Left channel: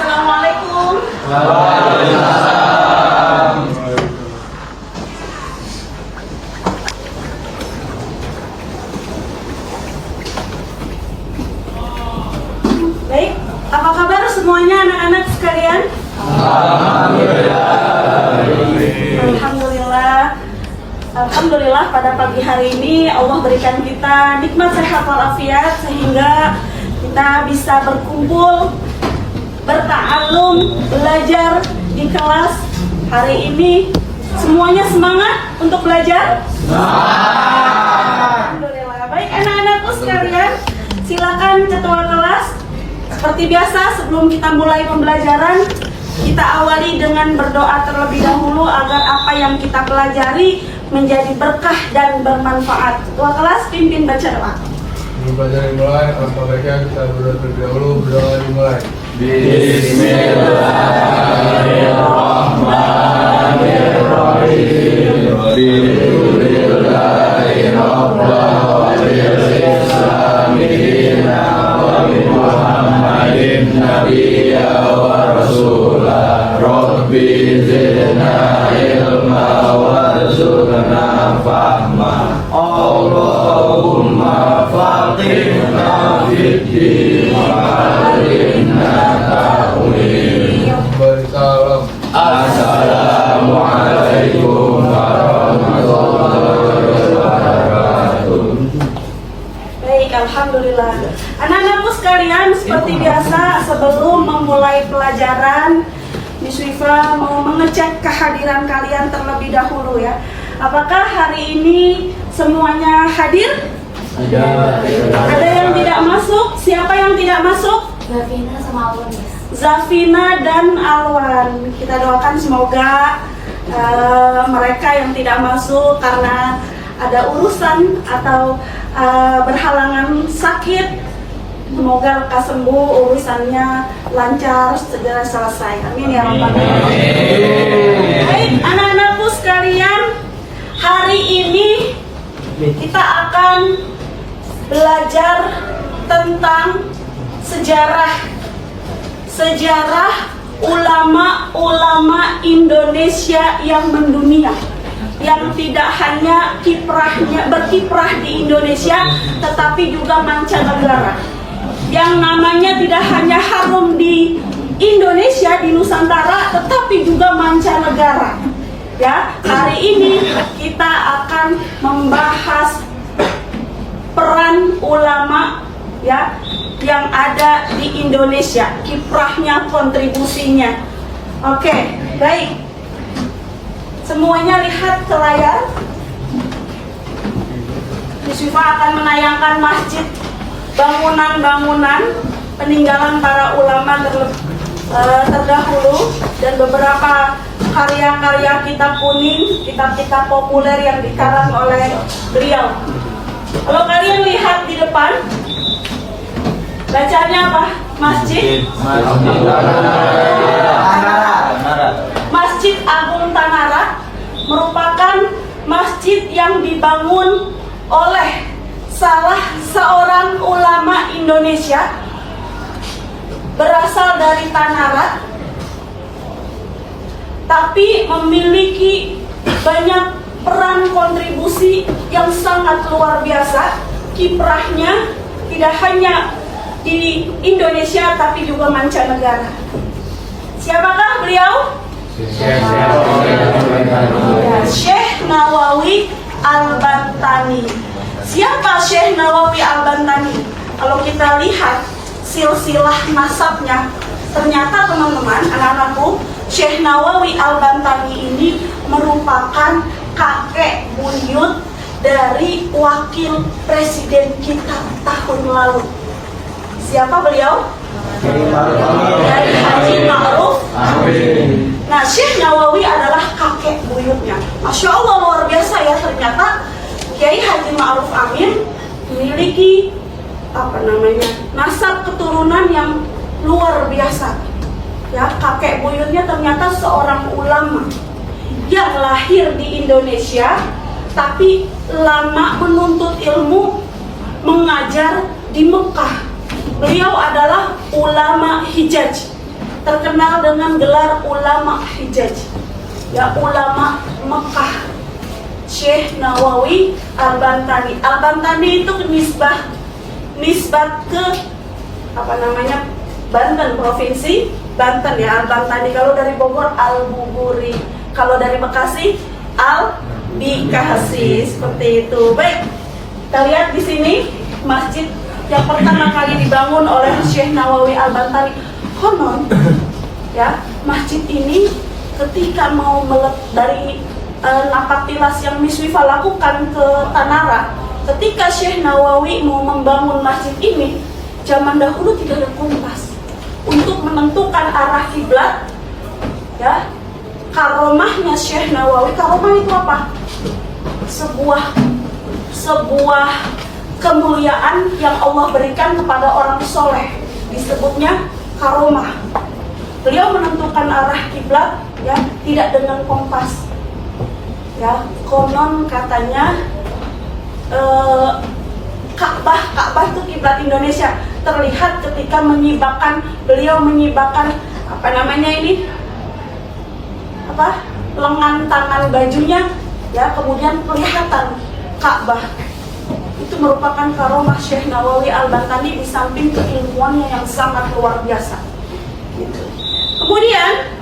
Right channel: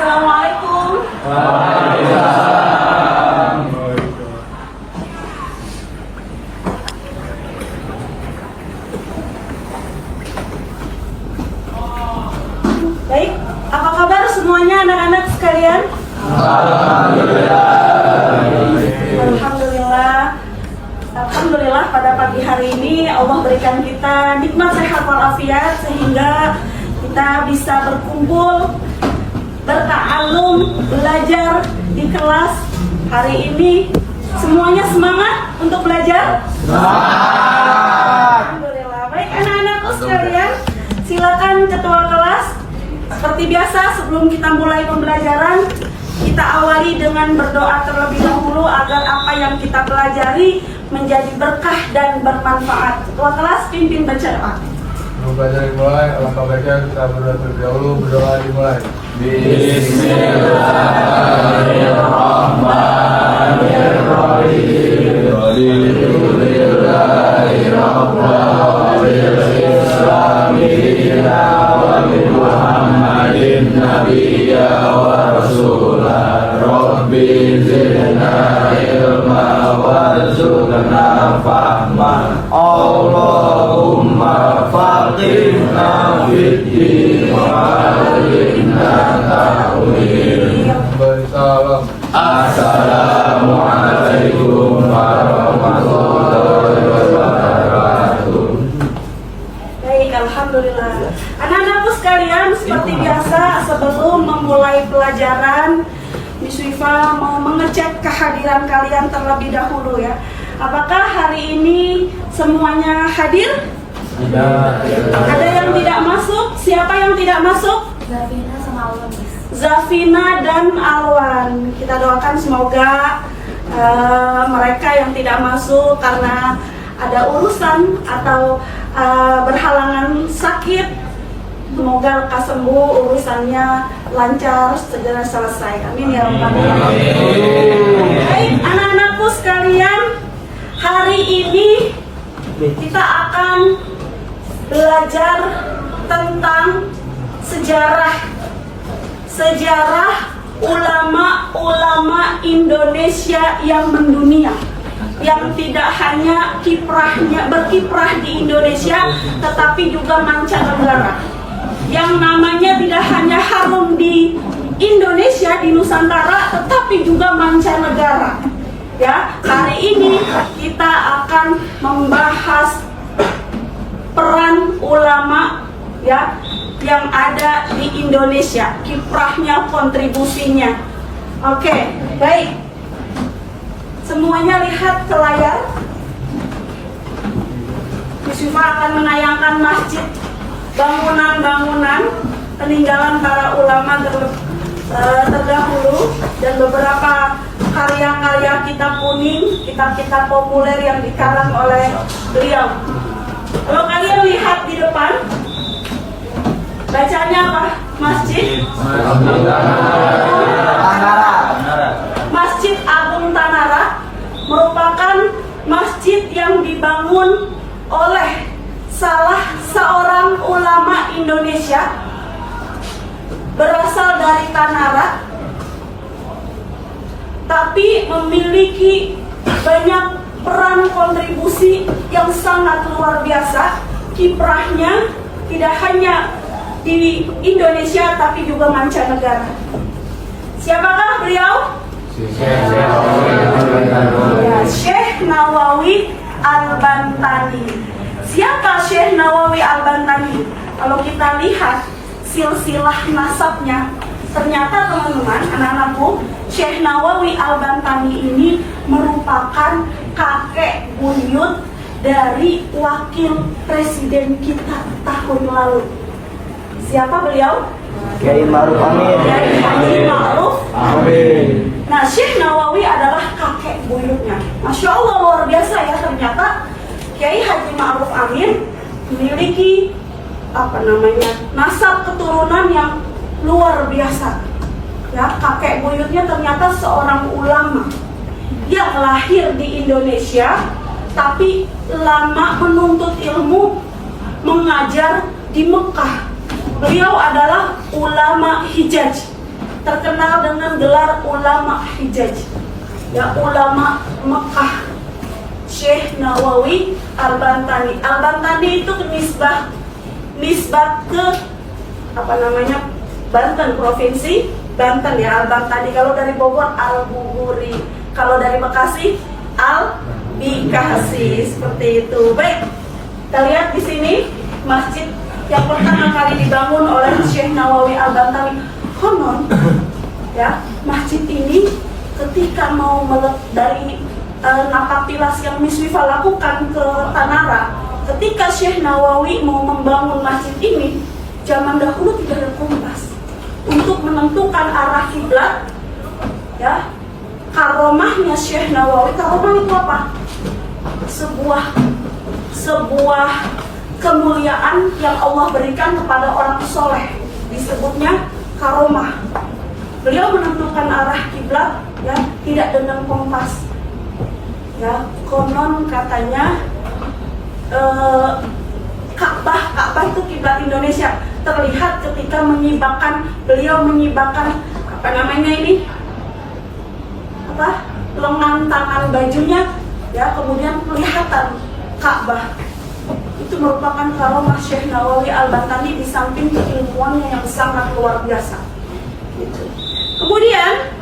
Assalamualaikum. Baik, apa kabar semuanya anak-anak sekalian? Alhamdulillah pada pagi hari ini Allah berikan kita nikmat sehat walafiat sehingga kita bisa berkumpul, berta'alum, belajar di kelas hari ini. Semuanya semangat untuk belajar? Alhamdulillah. Baik anak-anakku sekalian, silakan ketua kelas. Seperti biasa sebelum kita mulai pembelajaran, kita awali dengan berdoa terlebih dahulu agar apa yang kita pelajari menjadi berkah dan bermanfaat. Ketua kelas pimpin baca doa. Sebelum belajar dimulai, alangkah baiknya kita berdoa terlebih dahulu. Berdoa dimulai. Allahumma faqihna fid-din wa 'allimna ta'wil. Bersalam. Assalamualaikum warahmatullahi wabarakatuh. Baik, alhamdulillah. Anak-anakku sekalian, seperti biasa sebelum memulai pelajaran, Miss Wifa mau mengecek kehadiran kalian terlebih dahulu ya. Apakah hari ini semuanya hadir? Ada yang tidak masuk? Siapa yang tidak masuk? Zafina sama Alwan. Zafina dan Alwan. Kita doakan semoga mereka yang tidak masuk karena ada urusan atau berhalangan sakit, semoga lekas sembuh, urusannya lancar, segera selesai. Amin ya rabbal alamin. Baik, anak-anakku sekalian, hari ini kita akan belajar tentang sejarah ulama-ulama Indonesia yang mendunia, yang tidak hanya berkiprah di Indonesia tetapi juga mancanegara, yang namanya tidak hanya harum di Indonesia, di Nusantara, tetapi juga mancanegara. Ya, hari ini kita akan membahas peran ulama ya yang ada di Indonesia, kiprahnya, kontribusinya. Oke, baik. Semuanya lihat ke layar. Miss Wifa akan menayangkan masjid, bangunan-bangunan peninggalan para ulama terdahulu dan beberapa karya-karya kitab kuning, kitab-kitab populer yang dikarang oleh beliau. Kalau kalian lihat di depan, bacanya apa? Masjid Masjid Agung Tanara merupakan masjid yang dibangun oleh salah seorang ulama Indonesia, berasal dari Tanara, tapi memiliki banyak peran kontribusi yang sangat luar biasa. Kiprahnya tidak hanya di Indonesia tapi juga mancanegara. Siapakah beliau? Ya, Syekh Nawawi Al-Bantani. Siapa Syekh Nawawi Al-Bantani? Kalau kita lihat silsilah nasabnya, ternyata teman-teman, anak-anakku, Syekh Nawawi Al-Bantani ini merupakan kakek buyut dari wakil presiden kita tahun lalu. Siapa beliau? Dari Haji Ma'ruf Amin. Nah, Syekh Nawawi adalah kakek buyutnya. Masya Allah, luar biasa ya, ternyata Kiai Haji Ma'ruf Amin memiliki nasab keturunan yang luar biasa. Ya, kakek buyutnya ternyata seorang ulama yang lahir di Indonesia, tapi lama menuntut ilmu, mengajar di Mekah. Beliau adalah ulama Hijaz. terkenal dengan gelar ulama Hijaz, ya, ulama Mekah, Syekh Nawawi Al-Bantani. Al-Bantani itu nisbat ke apa namanya, Banten, provinsi Banten, ya. Al-Bantani. Kalau dari Bogor Al-Buguri, kalau dari Bekasi Al-Bikasi, seperti itu. Baik, kita lihat di sini masjid yang pertama kali dibangun oleh Syekh Nawawi Al-Bantani. Konon, ya, masjid ini ketika mau dari napak tilas yang Miswifa lakukan ke Tanara, ketika Syekh Nawawi mau membangun masjid ini, zaman dahulu tidak ada kompas untuk menentukan arah kiblat, ya. Karomahnya Syekh Nawawi, karomah itu apa? Sebuah kemuliaan yang Allah berikan kepada orang soleh, disebutnya karomah. Beliau menentukan arah kiblat, ya, tidak dengan kompas, ya. Konon katanya Ka'bah itu kiblat Indonesia, terlihat ketika beliau menyibakkan apa namanya ini, lengan tangan bajunya, ya, kemudian kelihatan Ka'bah. Itu merupakan karomah Syekh Nawawi Al-Bantani di samping keilmuannya yang sangat luar biasa, gitu. Kemudian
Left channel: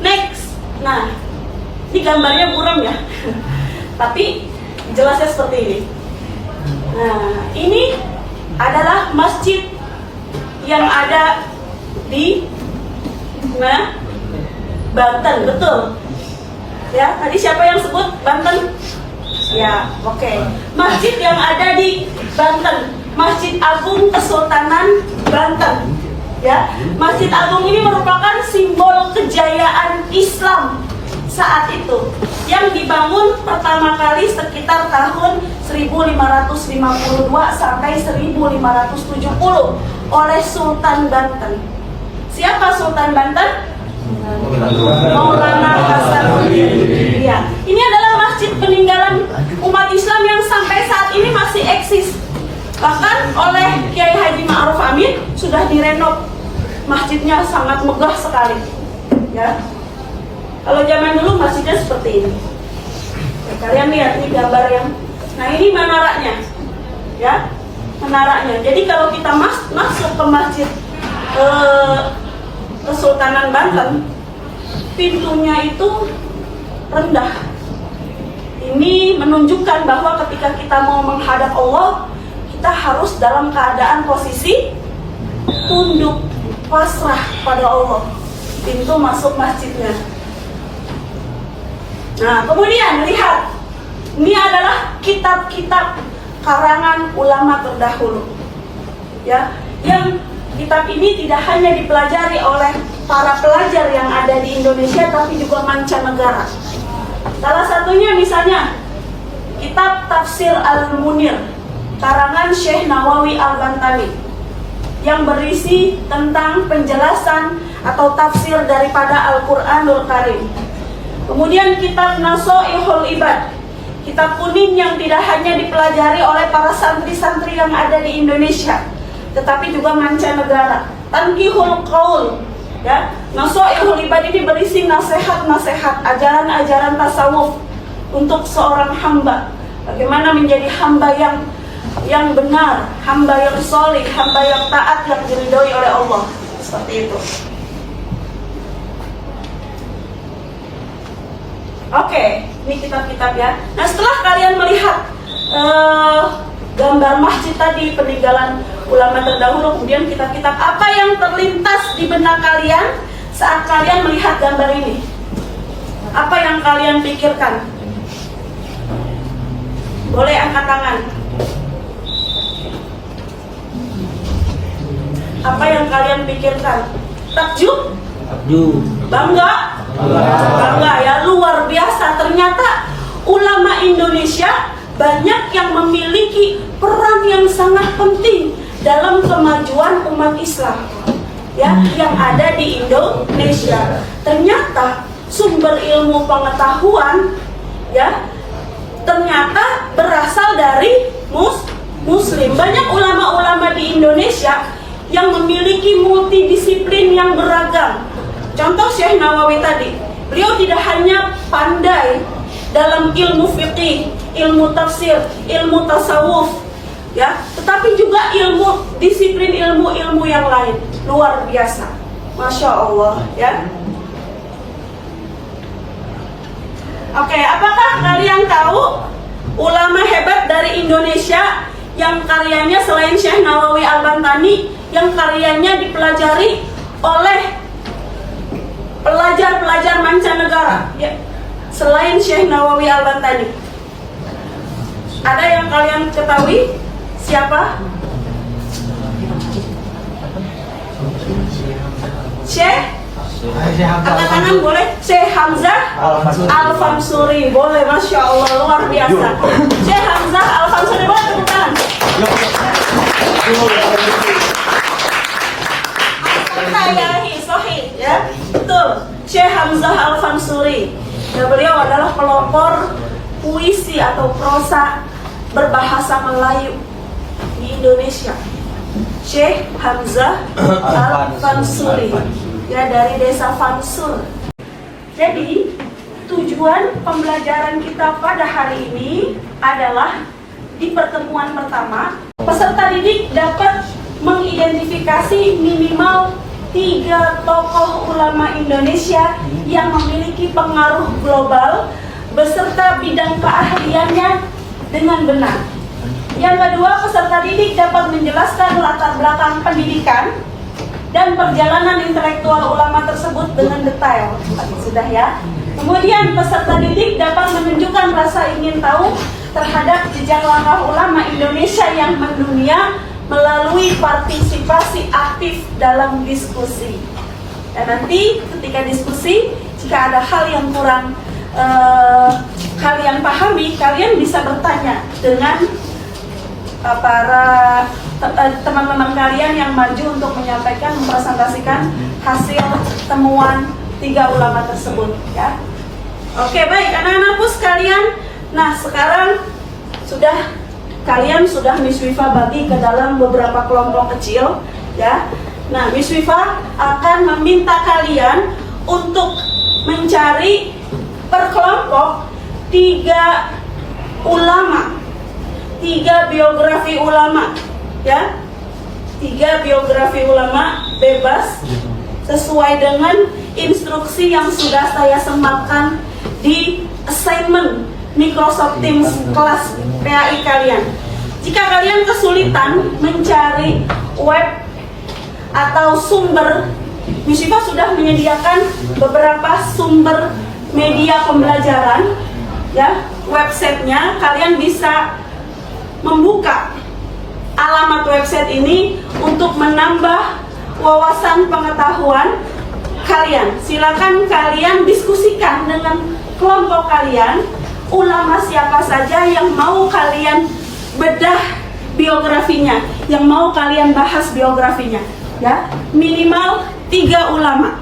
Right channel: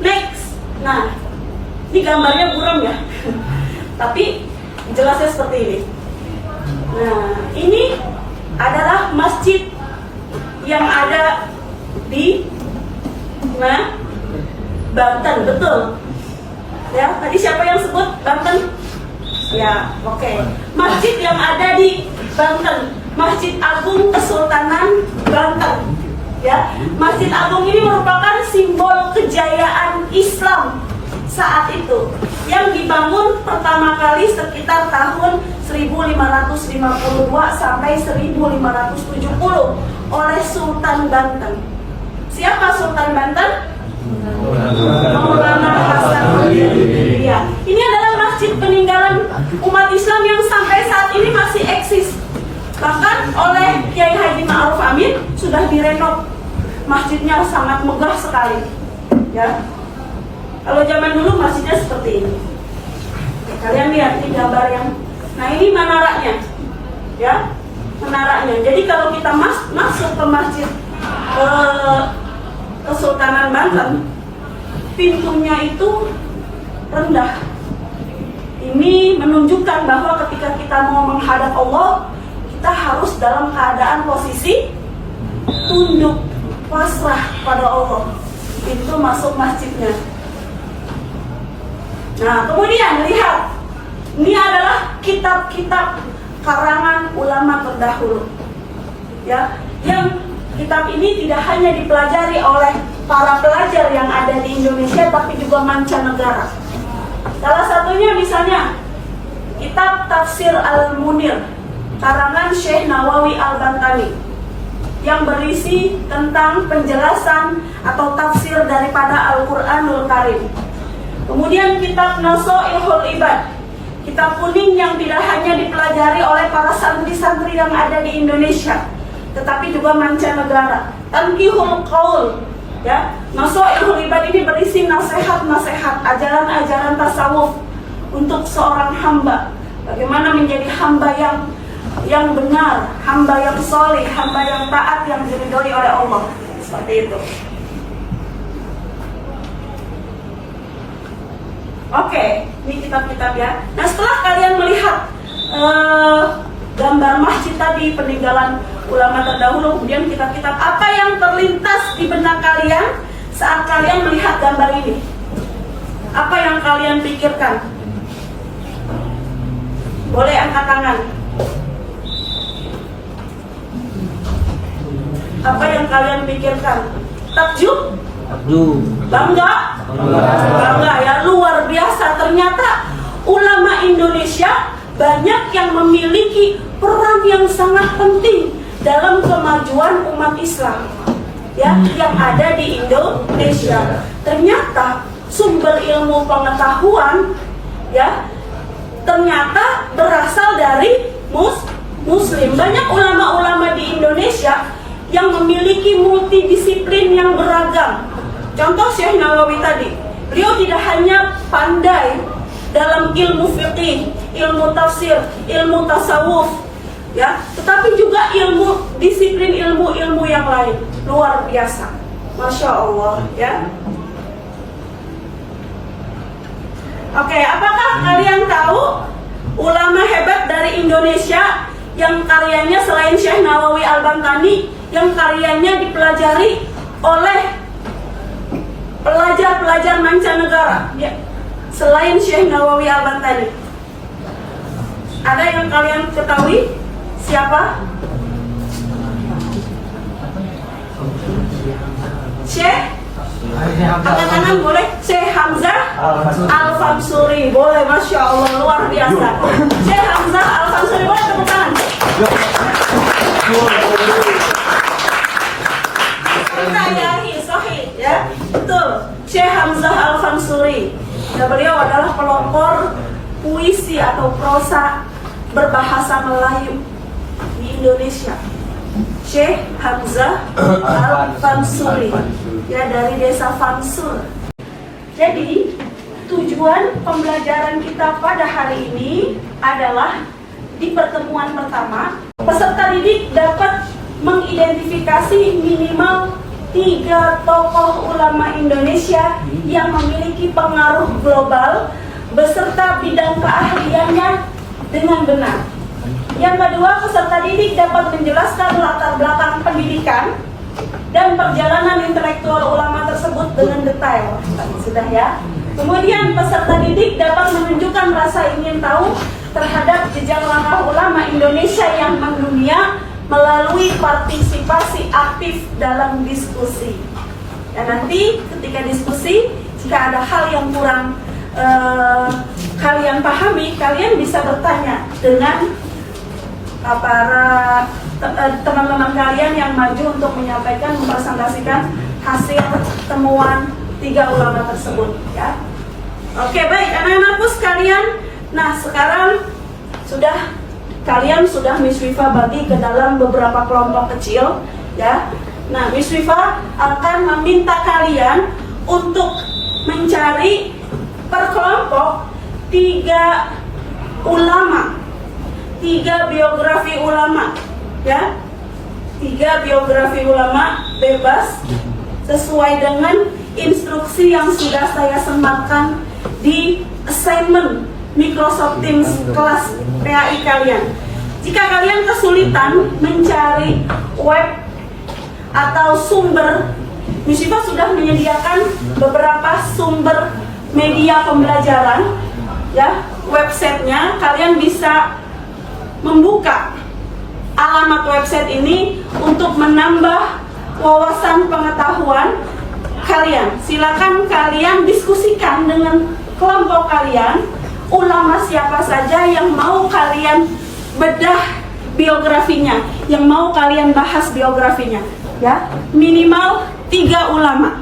next, nah ini gambarnya buram, ya, tapi jelasnya seperti ini. Nah, ini adalah masjid yang ada di Banten, betul. Ya, tadi siapa yang sebut Banten? Ya, oke. Masjid yang ada di Banten, Masjid Agung Kesultanan Banten. Ya, Masjid Agung ini merupakan simbol kejayaan Islam saat itu, yang dibangun pertama kali sekitar tahun 1552 sampai 1570 oleh Sultan Banten. Siapa Sultan Banten? Maulana Hasanuddin. Ya, ini adalah masjid peninggalan umat Islam yang sampai saat ini masih eksis. Bahkan oleh Kiai Haji Ma'ruf Amin sudah direnov. Masjidnya sangat megah sekali. Ya. Kalau zaman dulu masjidnya seperti ini. Ya, kalian lihat ini gambar yang, nah ini menaranya, ya, menaranya. Jadi kalau kita masuk ke masjid Kesultanan Banten, pintunya itu rendah. Ini menunjukkan bahwa ketika kita mau menghadap Allah, kita harus dalam keadaan posisi tunduk, pasrah pada Allah. Pintu masuk masjidnya. Nah, kemudian lihat, ini adalah kitab-kitab karangan ulama terdahulu, ya, yang kitab ini tidak hanya dipelajari oleh para pelajar yang ada di Indonesia, tapi juga mancanegara. Salah satunya misalnya kitab Tafsir Al-Munir karangan Syekh Nawawi Al-Bantani, yang berisi tentang penjelasan atau tafsir daripada Al-Quranul Karim. Kemudian kitab Nasoihul Ibad, kitab kuning yang tidak hanya dipelajari oleh para santri-santri yang ada di Indonesia, tetapi juga mancanegara. Tanqihul Qaul, ya, Nasoihul Ibad ini berisi nasihat-nasihat, ajaran-ajaran tasawuf untuk seorang hamba. Bagaimana menjadi hamba yang benar, hamba yang soleh, hamba yang taat, yang diridhoi oleh Allah. Seperti itu. Oke, ini kitab-kitab, ya. Nah, setelah kalian melihat gambar masjid tadi, peninggalan ulama terdahulu, kemudian kitab-kitab, apa yang terlintas di benak kalian saat kalian melihat gambar ini? Apa yang kalian pikirkan? Boleh angkat tangan. Apa yang kalian pikirkan? Takjub? Bangga? Bangga, ya, luar biasa. Ternyata ulama Indonesia banyak yang memiliki peran yang sangat penting dalam kemajuan umat Islam, ya, yang ada di Indonesia. Ternyata sumber ilmu pengetahuan, ya, ternyata berasal dari Muslim. Banyak ulama-ulama di Indonesia yang memiliki multidisiplin yang beragam. Contoh Syekh Nawawi tadi, beliau tidak hanya pandai dalam ilmu fiqih, ilmu tafsir, ilmu tasawuf, ya, tetapi juga disiplin ilmu yang lain. Luar biasa, Masya Allah, ya. Oke, apakah kalian tahu ulama hebat dari Indonesia yang karyanya selain Syekh Nawawi Al-Bantani, yang karyanya dipelajari oleh pelajar-pelajar mancanegara, ya, selain Syekh Nawawi Al-Bantani? Ada yang kalian ketahui? Siapa? Syekh? Angkat tangan boleh. Syekh Hamzah Al-Fansuri, boleh. Masya Allah, luar biasa. Syekh Hamzah Al-Fansuri, boleh tepuk tangan. Sahih, ya, betul. Syekh Hamzah Al-Fansuri, ya, beliau adalah pelopor puisi atau prosa berbahasa Melayu di Indonesia. Syekh Hamzah Al-Fansuri, ya, dari desa Fansur. Jadi tujuan pembelajaran kita pada hari ini adalah di pertemuan pertama, peserta didik dapat mengidentifikasi minimal 3 tokoh ulama Indonesia yang memiliki pengaruh global beserta bidang keahliannya dengan benar. Yang kedua, peserta didik dapat menjelaskan latar belakang pendidikan dan perjalanan intelektual ulama tersebut dengan detail. Sudah, ya. Kemudian peserta didik dapat menunjukkan rasa ingin tahu terhadap jejak langkah ulama Indonesia yang mendunia melalui partisipasi aktif dalam diskusi. Dan nanti ketika diskusi, jika ada hal yang kurang kalian pahami, kalian bisa bertanya dengan para teman-teman kalian yang maju untuk menyampaikan, mempresentasikan hasil temuan 3 ulama tersebut, ya. Oke, baik anak-anakku sekalian. Nah, sekarang kalian sudah Miss Wifa bagi ke dalam beberapa kelompok kecil, ya. Nah, Miss Wifa akan meminta kalian untuk mencari per kelompok 3 ulama, 3 biografi ulama, ya. 3 biografi ulama bebas sesuai dengan instruksi yang sudah saya sematkan di assignment Microsoft Teams kelas PAI kalian. Jika kalian kesulitan mencari web atau sumber, Miss Wifa sudah menyediakan beberapa sumber media pembelajaran, ya, websitenya. Kalian bisa membuka alamat website ini untuk menambah wawasan pengetahuan kalian. Silakan kalian diskusikan dengan kelompok kalian ulama siapa saja yang mau kalian bedah biografinya, yang mau kalian bahas biografinya, ya. Minimal 3 ulama,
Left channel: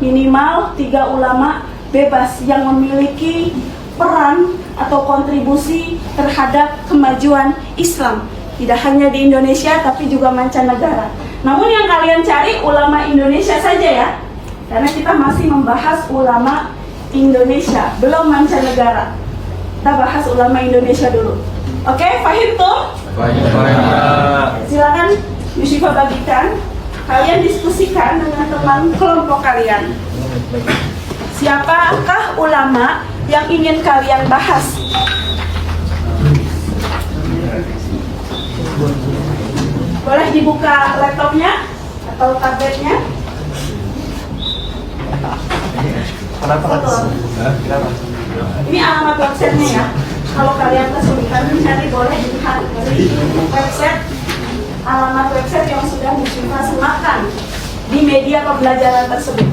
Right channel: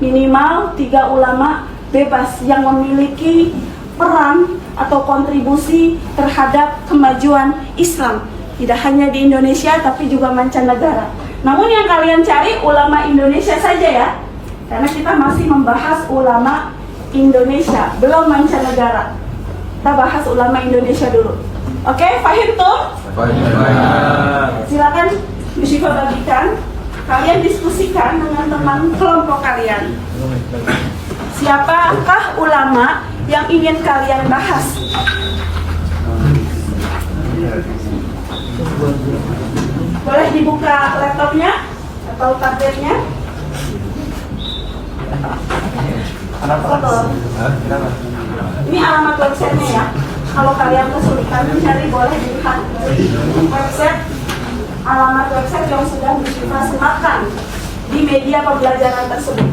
minimal 3 ulama bebas yang memiliki peran atau kontribusi terhadap kemajuan Islam, tidak hanya di Indonesia tapi juga mancanegara. Namun yang kalian cari ulama Indonesia saja, ya, karena kita masih membahas ulama Indonesia, belum mancanegara. Kita bahas ulama Indonesia dulu. Oke, paham tuh? Silakan Miss Wifa bagikan. Kalian diskusikan dengan teman kelompok kalian. Siapakah ulama yang ingin kalian bahas? Boleh dibuka laptopnya atau tabletnya. Ini alamat websitenya, ya. Kalau kalian kesulitan mencari, boleh dilihat website, alamat website yang sudah Miss Wifa sematkan di media pembelajaran tersebut.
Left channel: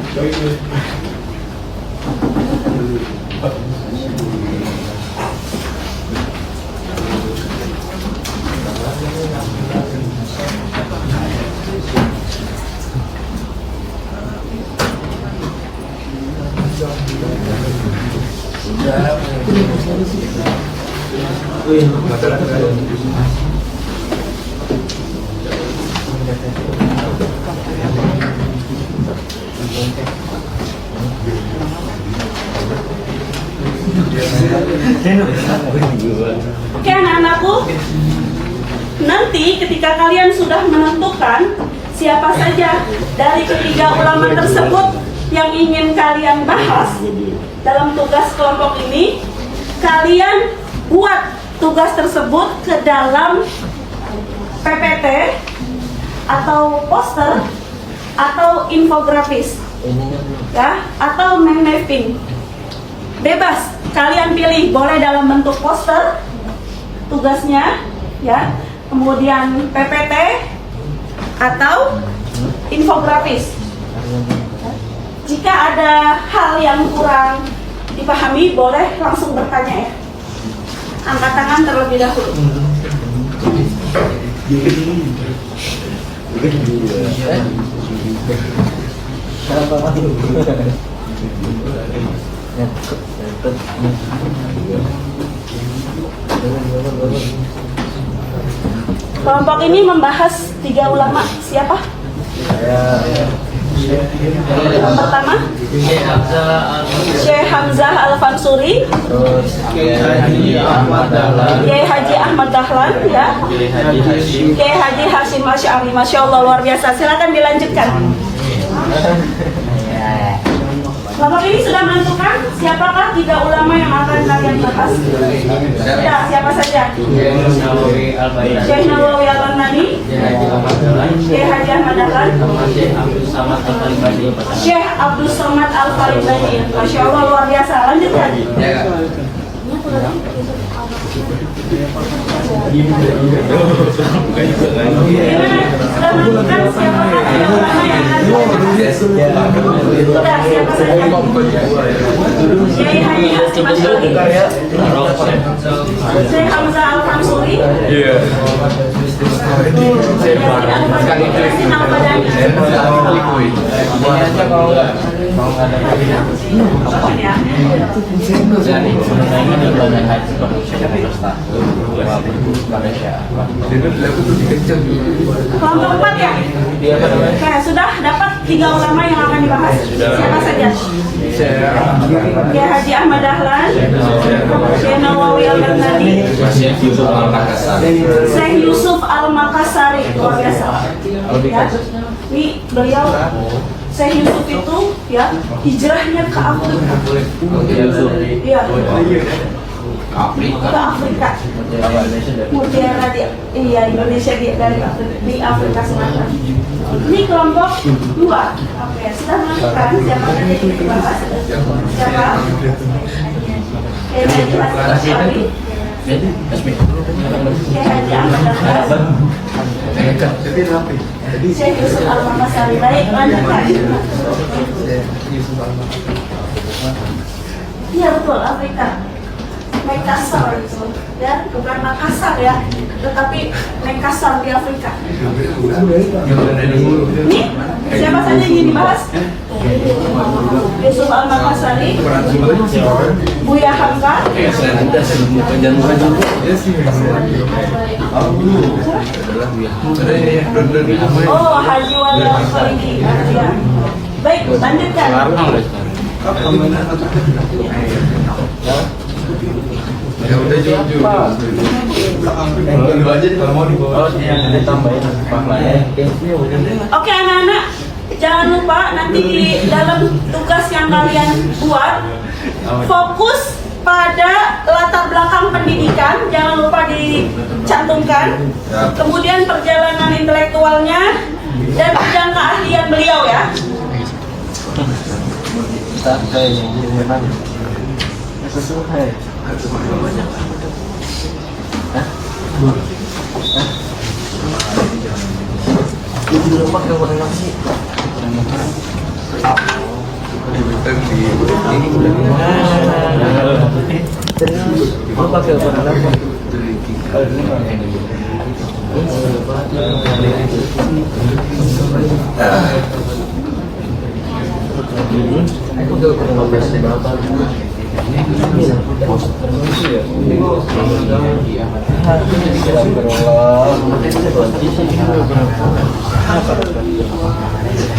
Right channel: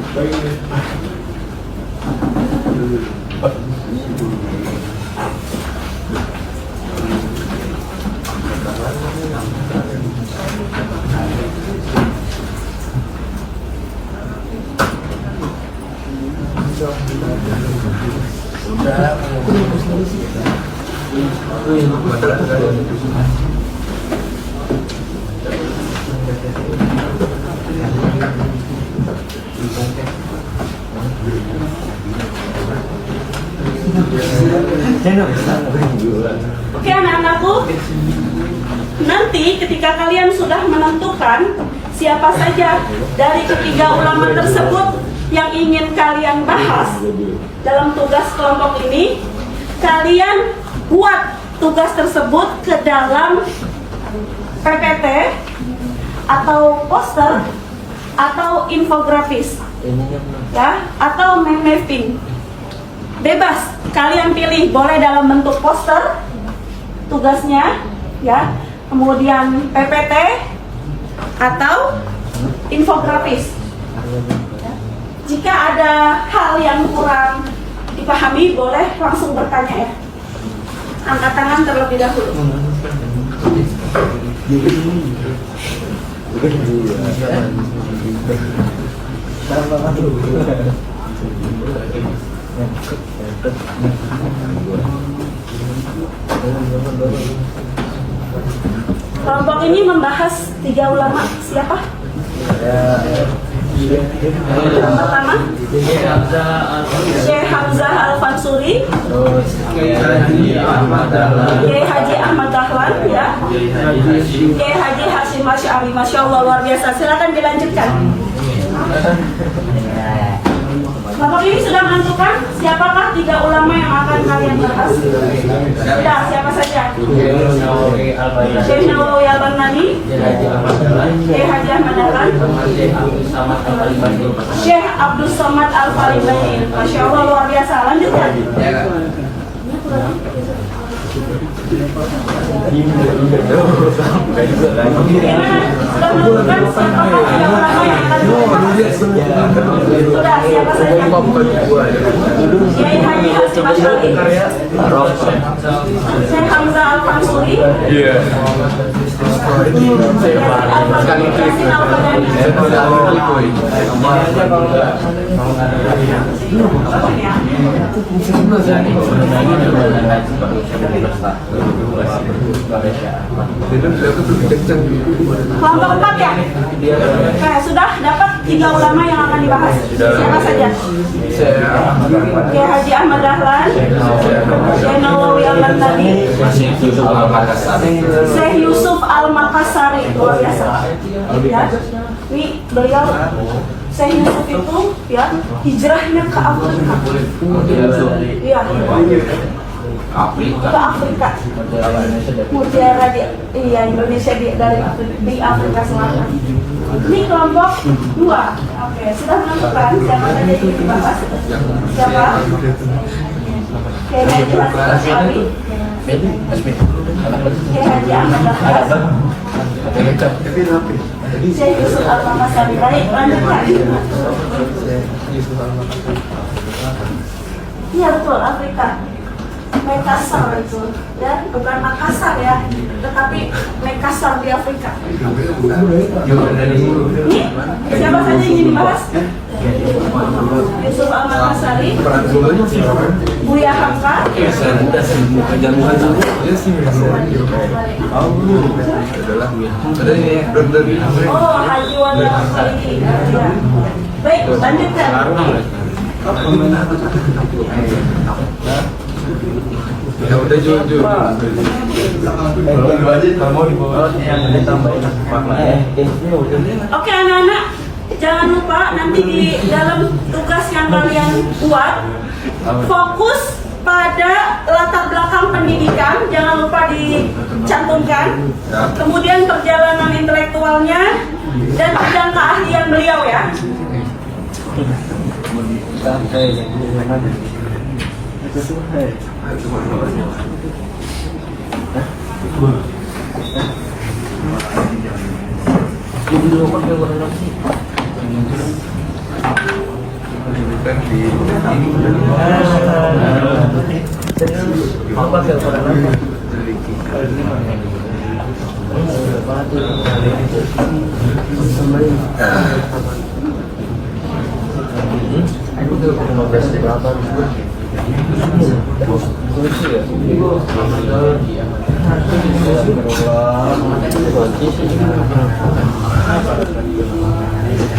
Oke anak-anakku, nanti ketika kalian sudah menentukan siapa saja dari ketiga ulama tersebut yang ingin kalian bahas dalam tugas kelompok ini, kalian buat tugas tersebut ke dalam PPT atau poster atau infografis, ya, atau mind mapping. Bebas, kalian pilih, boleh dalam bentuk poster tugasnya, ya, kemudian PPT atau infografis. Jika ada hal yang kurang dipahami, boleh langsung bertanya, ya. Angkat tangan terlebih dahulu. Kelompok ini membahas 3 ulama. Siapa? Yang pertama, Syekh Hamzah Al-Fansuri, Kiai Haji Ahmad Dahlan, ya, Kiai Haji Hasyim Asy'ari. Masya Allah, luar biasa. Silakan dilanjutkan. Kelompok ini sudah menentukan siapakah 3 ulama yang akan kalian bahas? Sudah, siapa saja? Syekh Nawawi Al-Baghdadi, Syekh Haji Ahmad Dahlan, Syekh Abdul Somad Al-Faribadi. Masya Allah, luar biasa. Lanjutkan. Kelompok 4 ya? Oke, sudah dapat 3 ulama yang akan dibahas. Siapa saja? Kiai Haji Ahmad Dahlan, Syekh Nawawi Al-Baghdadi, Syekh Yusuf Al-Makassari. Luar biasa. Ya. Ini beliau, Syekh Yusuf itu, ya, hijrahnya ke Afrika. Iya. Afrika. Mutiara Indonesia di Afrika Selatan. Ini kelompok 2. Oke, sudah menentukan siapa saja yang dibahas. Siapa? Kiai Haji Ahmad Dahlan, Syekh Yusuf Al-Makassari. Baik, lanjutkan. Iya betul, Afrika. Makassar itu, ya, bukan Makassar ya, tetapi Makassar di Afrika. Ini siapa saja yang ingin dibahas? Yusuf Al-Makassari, Buya Hamka, oh Haji Wali Al-Faridi. Ya. Baik, lanjutkan. Ya udah jujur. Oke anak-anak, jangan lupa nanti di dalam tugas yang kalian buat fokus pada latar belakang pendidikan, jangan lupa dicantumkan. Kemudian perjalanan intelektualnya dan bidang keahlian beliau ya.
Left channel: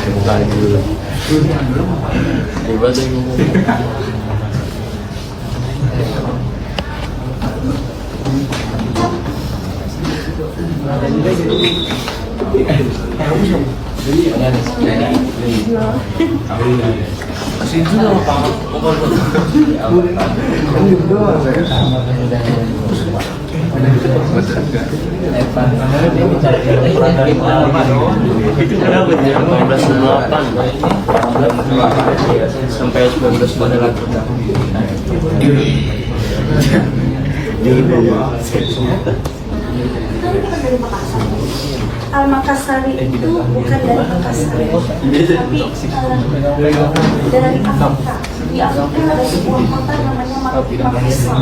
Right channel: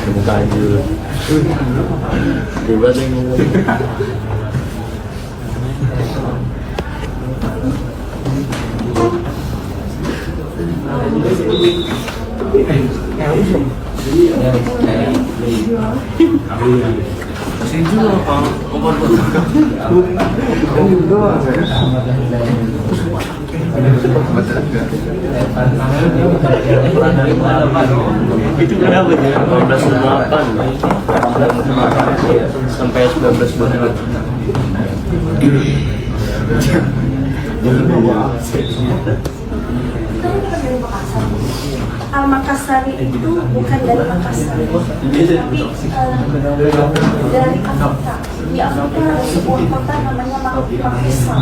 Buka dulu. Coba deh. Itu kenapa sih? 1808 sampai 1923. Al-Makassari itu bukan dari Makassar, tapi dari Afrika. Di Afrika ada sebuah kota namanya Makassar.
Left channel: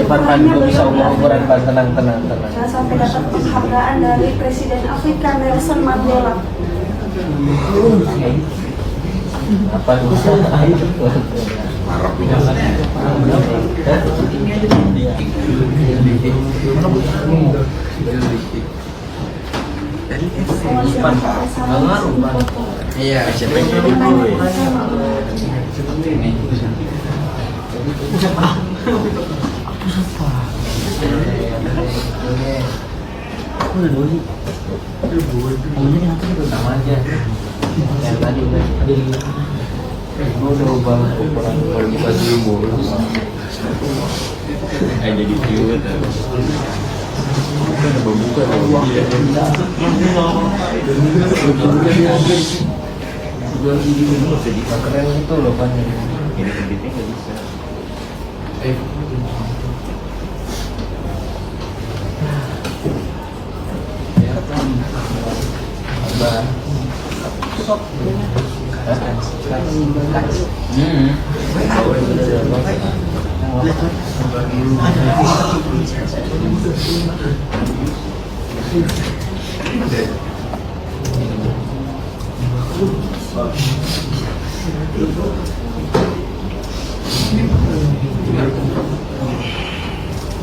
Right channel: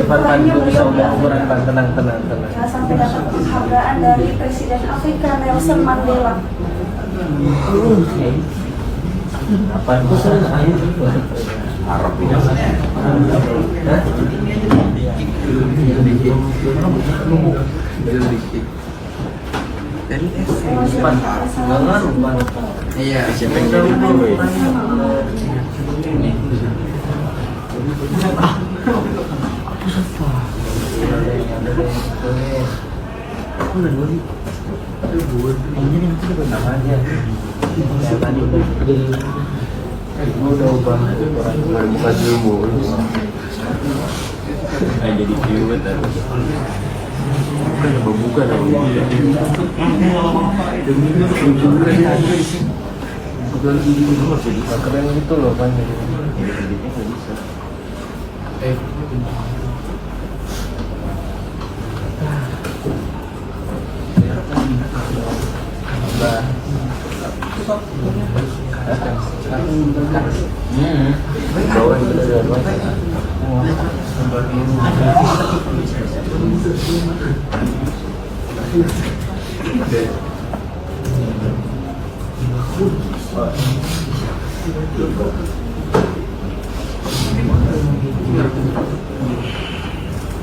Perannya beliau di Afrika sampai dapat penghargaan dari Presiden Afrika Nelson Mandela. Iya, siapa yang jadi dulu ya? Baru buka dulu. Jadi cute. Buka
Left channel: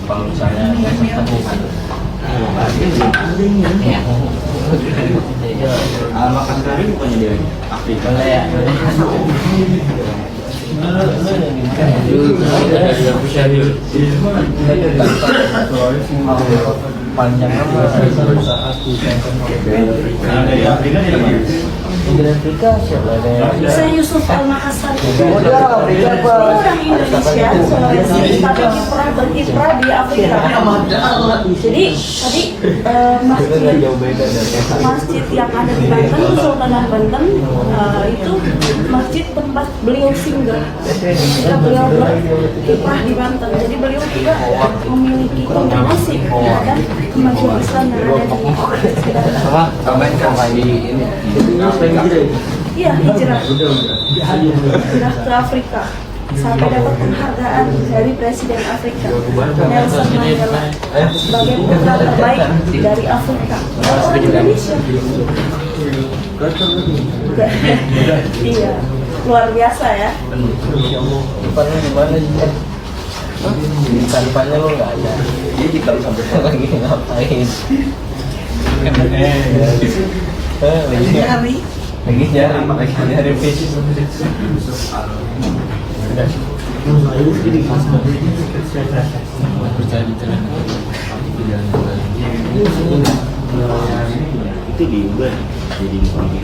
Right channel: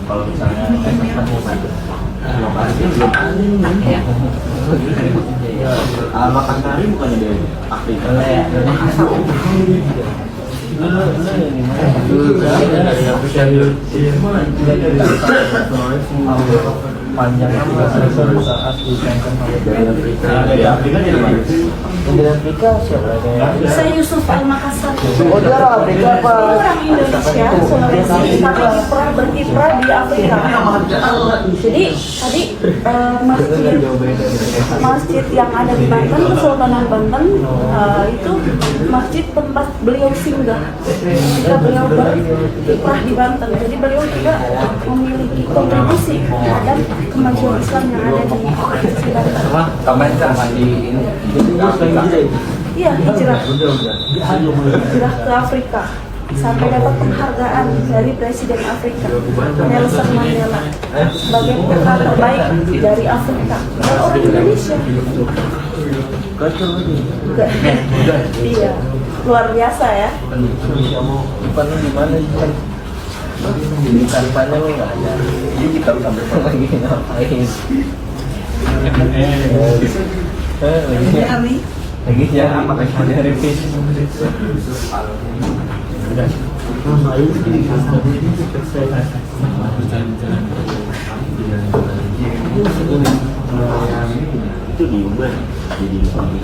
Kalau saya Makassar bukannya dari Afrika. Saya Yusuf Al-Makassar. Orang Indonesia, Sulawesi, tapi berkiprah di Afrika. Jadi tadi masjid yang ada di Banten, Kesultanan Banten, itu masjid tempat beliau singgah ketika beliau berkiprah di Banten. Jadi beliau juga memiliki kontribusi terhadap kemajuan Islam yang ada di Banten. Iya, hijrah ke Afrika sampai dapat penghargaan dari Presiden Afrika Nelson Mandela sebagai putra terbaik dari Afrika. Orang Indonesia. Iya, luar biasa ya. Talibannya lo nggak ada. Jadi kita sampai lagi ngapain? Lagi nyari revisi. Itu diubah jadi tapi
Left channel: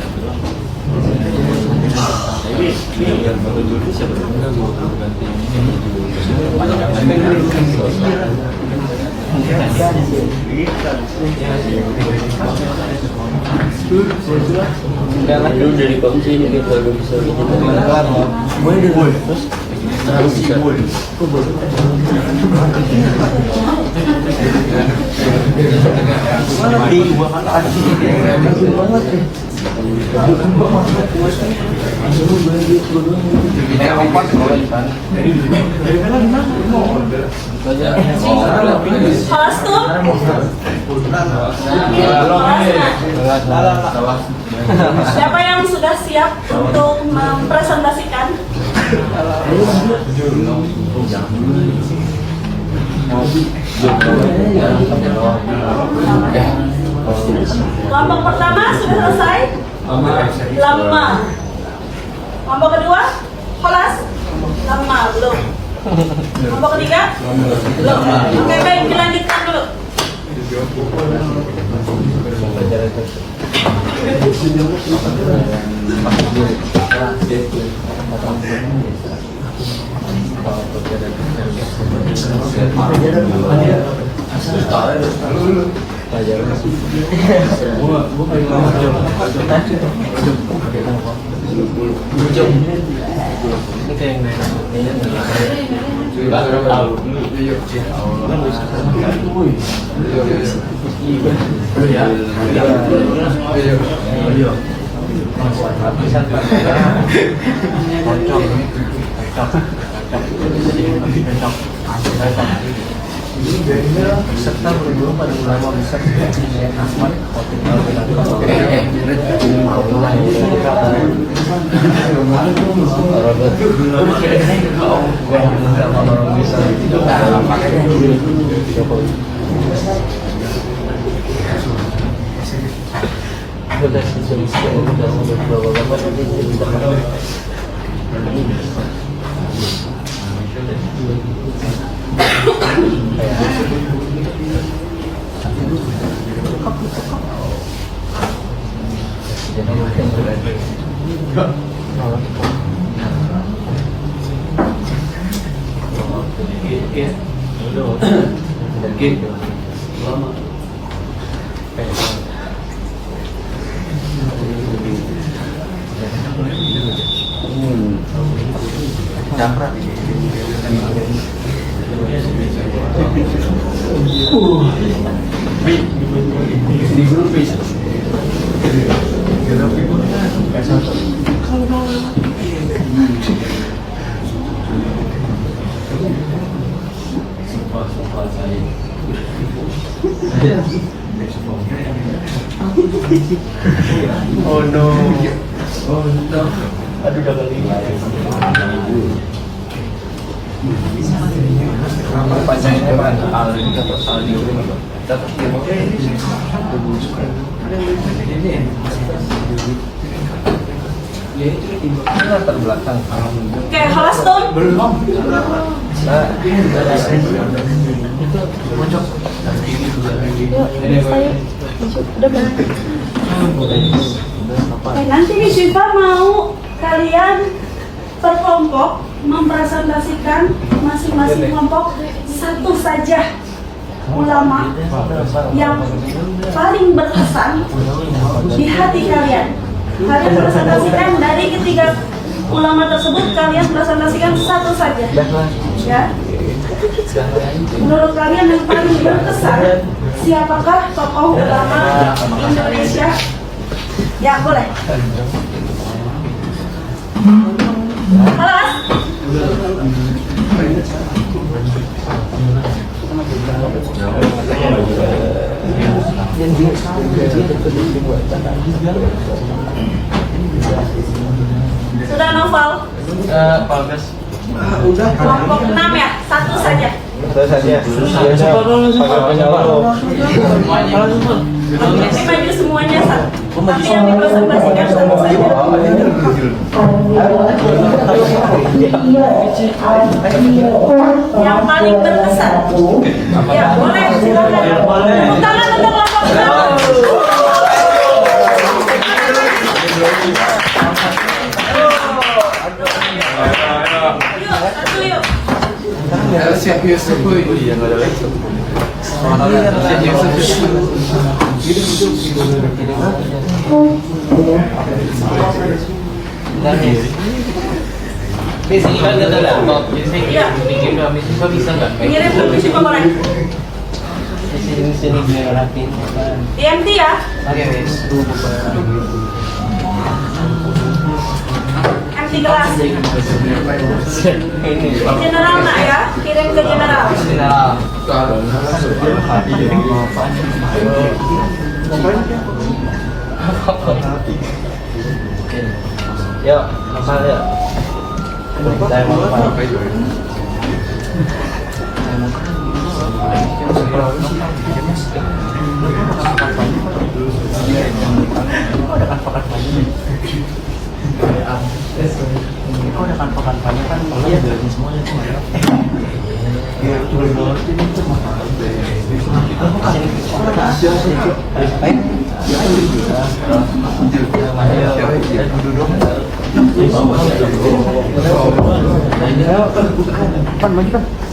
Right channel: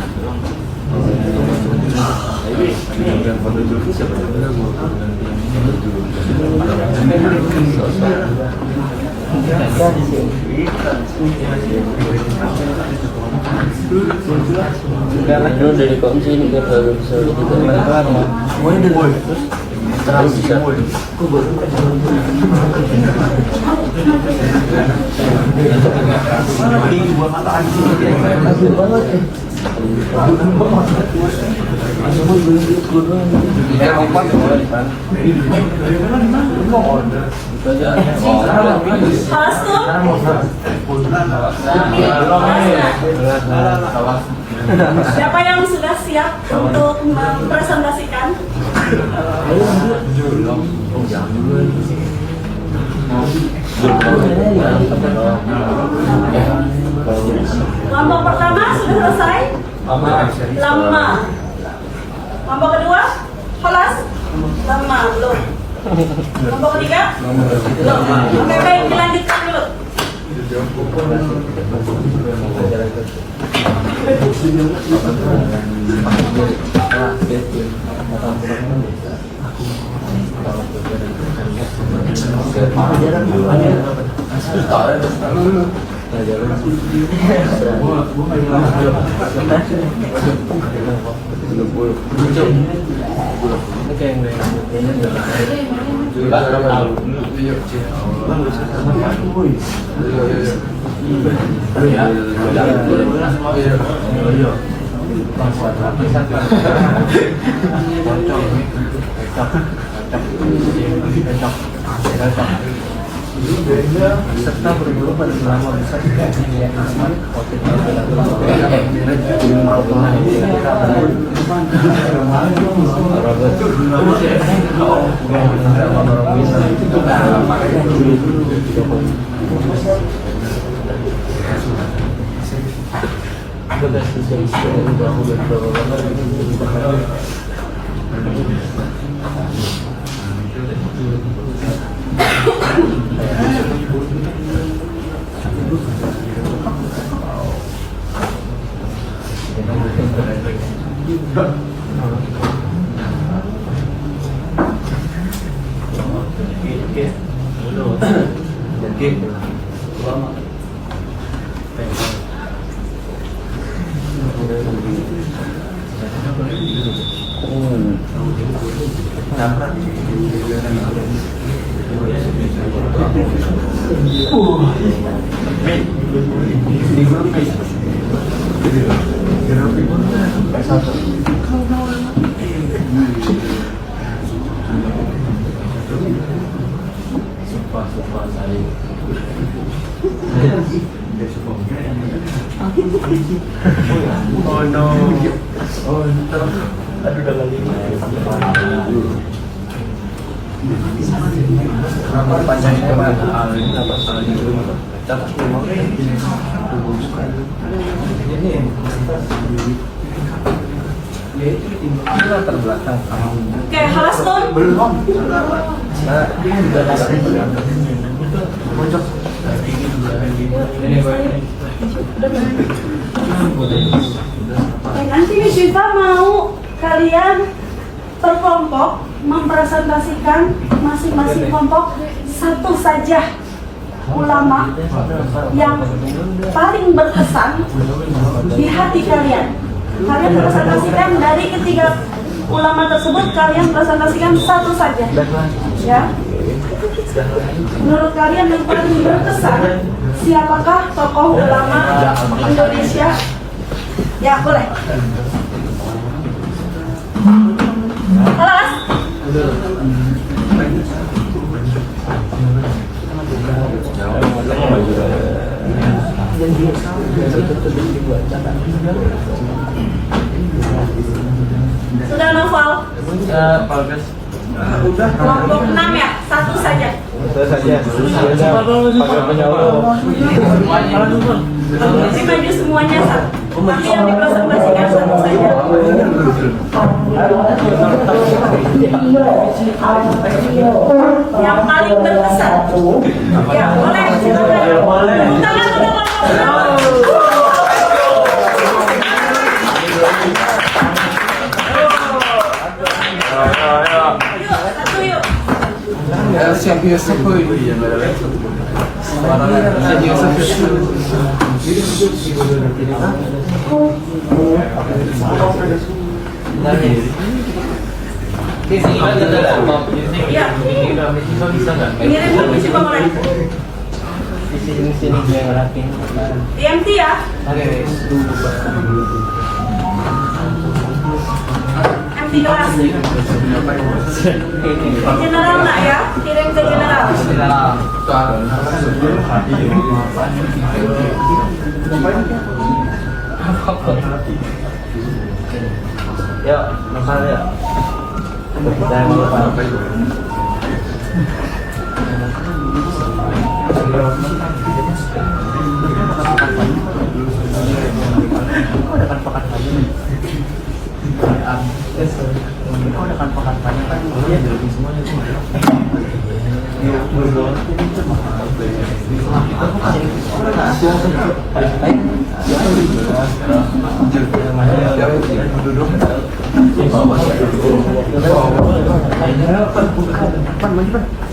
yang foto Julki siapa? Itu dari kunci ini kita baru bisa bisa. Kostum. Siapa yang sudah siap untuk mempresentasikan? Kelompok pertama sudah selesai? Lama. Kelompok kedua? Kelas? Lama, belum. Kelompok ketiga? Belum. Oke, baik, dilanjutkan dulu. Di grup bisa. Oh no. Oh no. Aduh udah Oke, kelas tuh. belum. Nanti Miss Syifa mau kalian per kelompok mempresentasikan masing-masing kelompok satu saja ulama yang paling berkesan di hati kalian. Kalian presentasikan dari ketiga ulama tersebut, kalian presentasikan satu saja. Ya. Menurut kalian yang paling berkesan siapakah tokoh ulama Indonesia? Ya, boleh. Kelas. Sudah novel? Kelompok 6 ya? Satu saja. Jadi maju semuanya satu. Tapi yang dipresentasikan satu saja. Yang paling berkesan. Ya, boleh silakan. Tepuk tangan untuk kelompok 6. Satu yuk. Syekh Yusuf suaranya Syekh Yusuf Iya. Mengirim permisi pemain. TMT ya. Anti kelas. General nak ya, kirim ke general. Ya, masalah. Saya mau apa itu?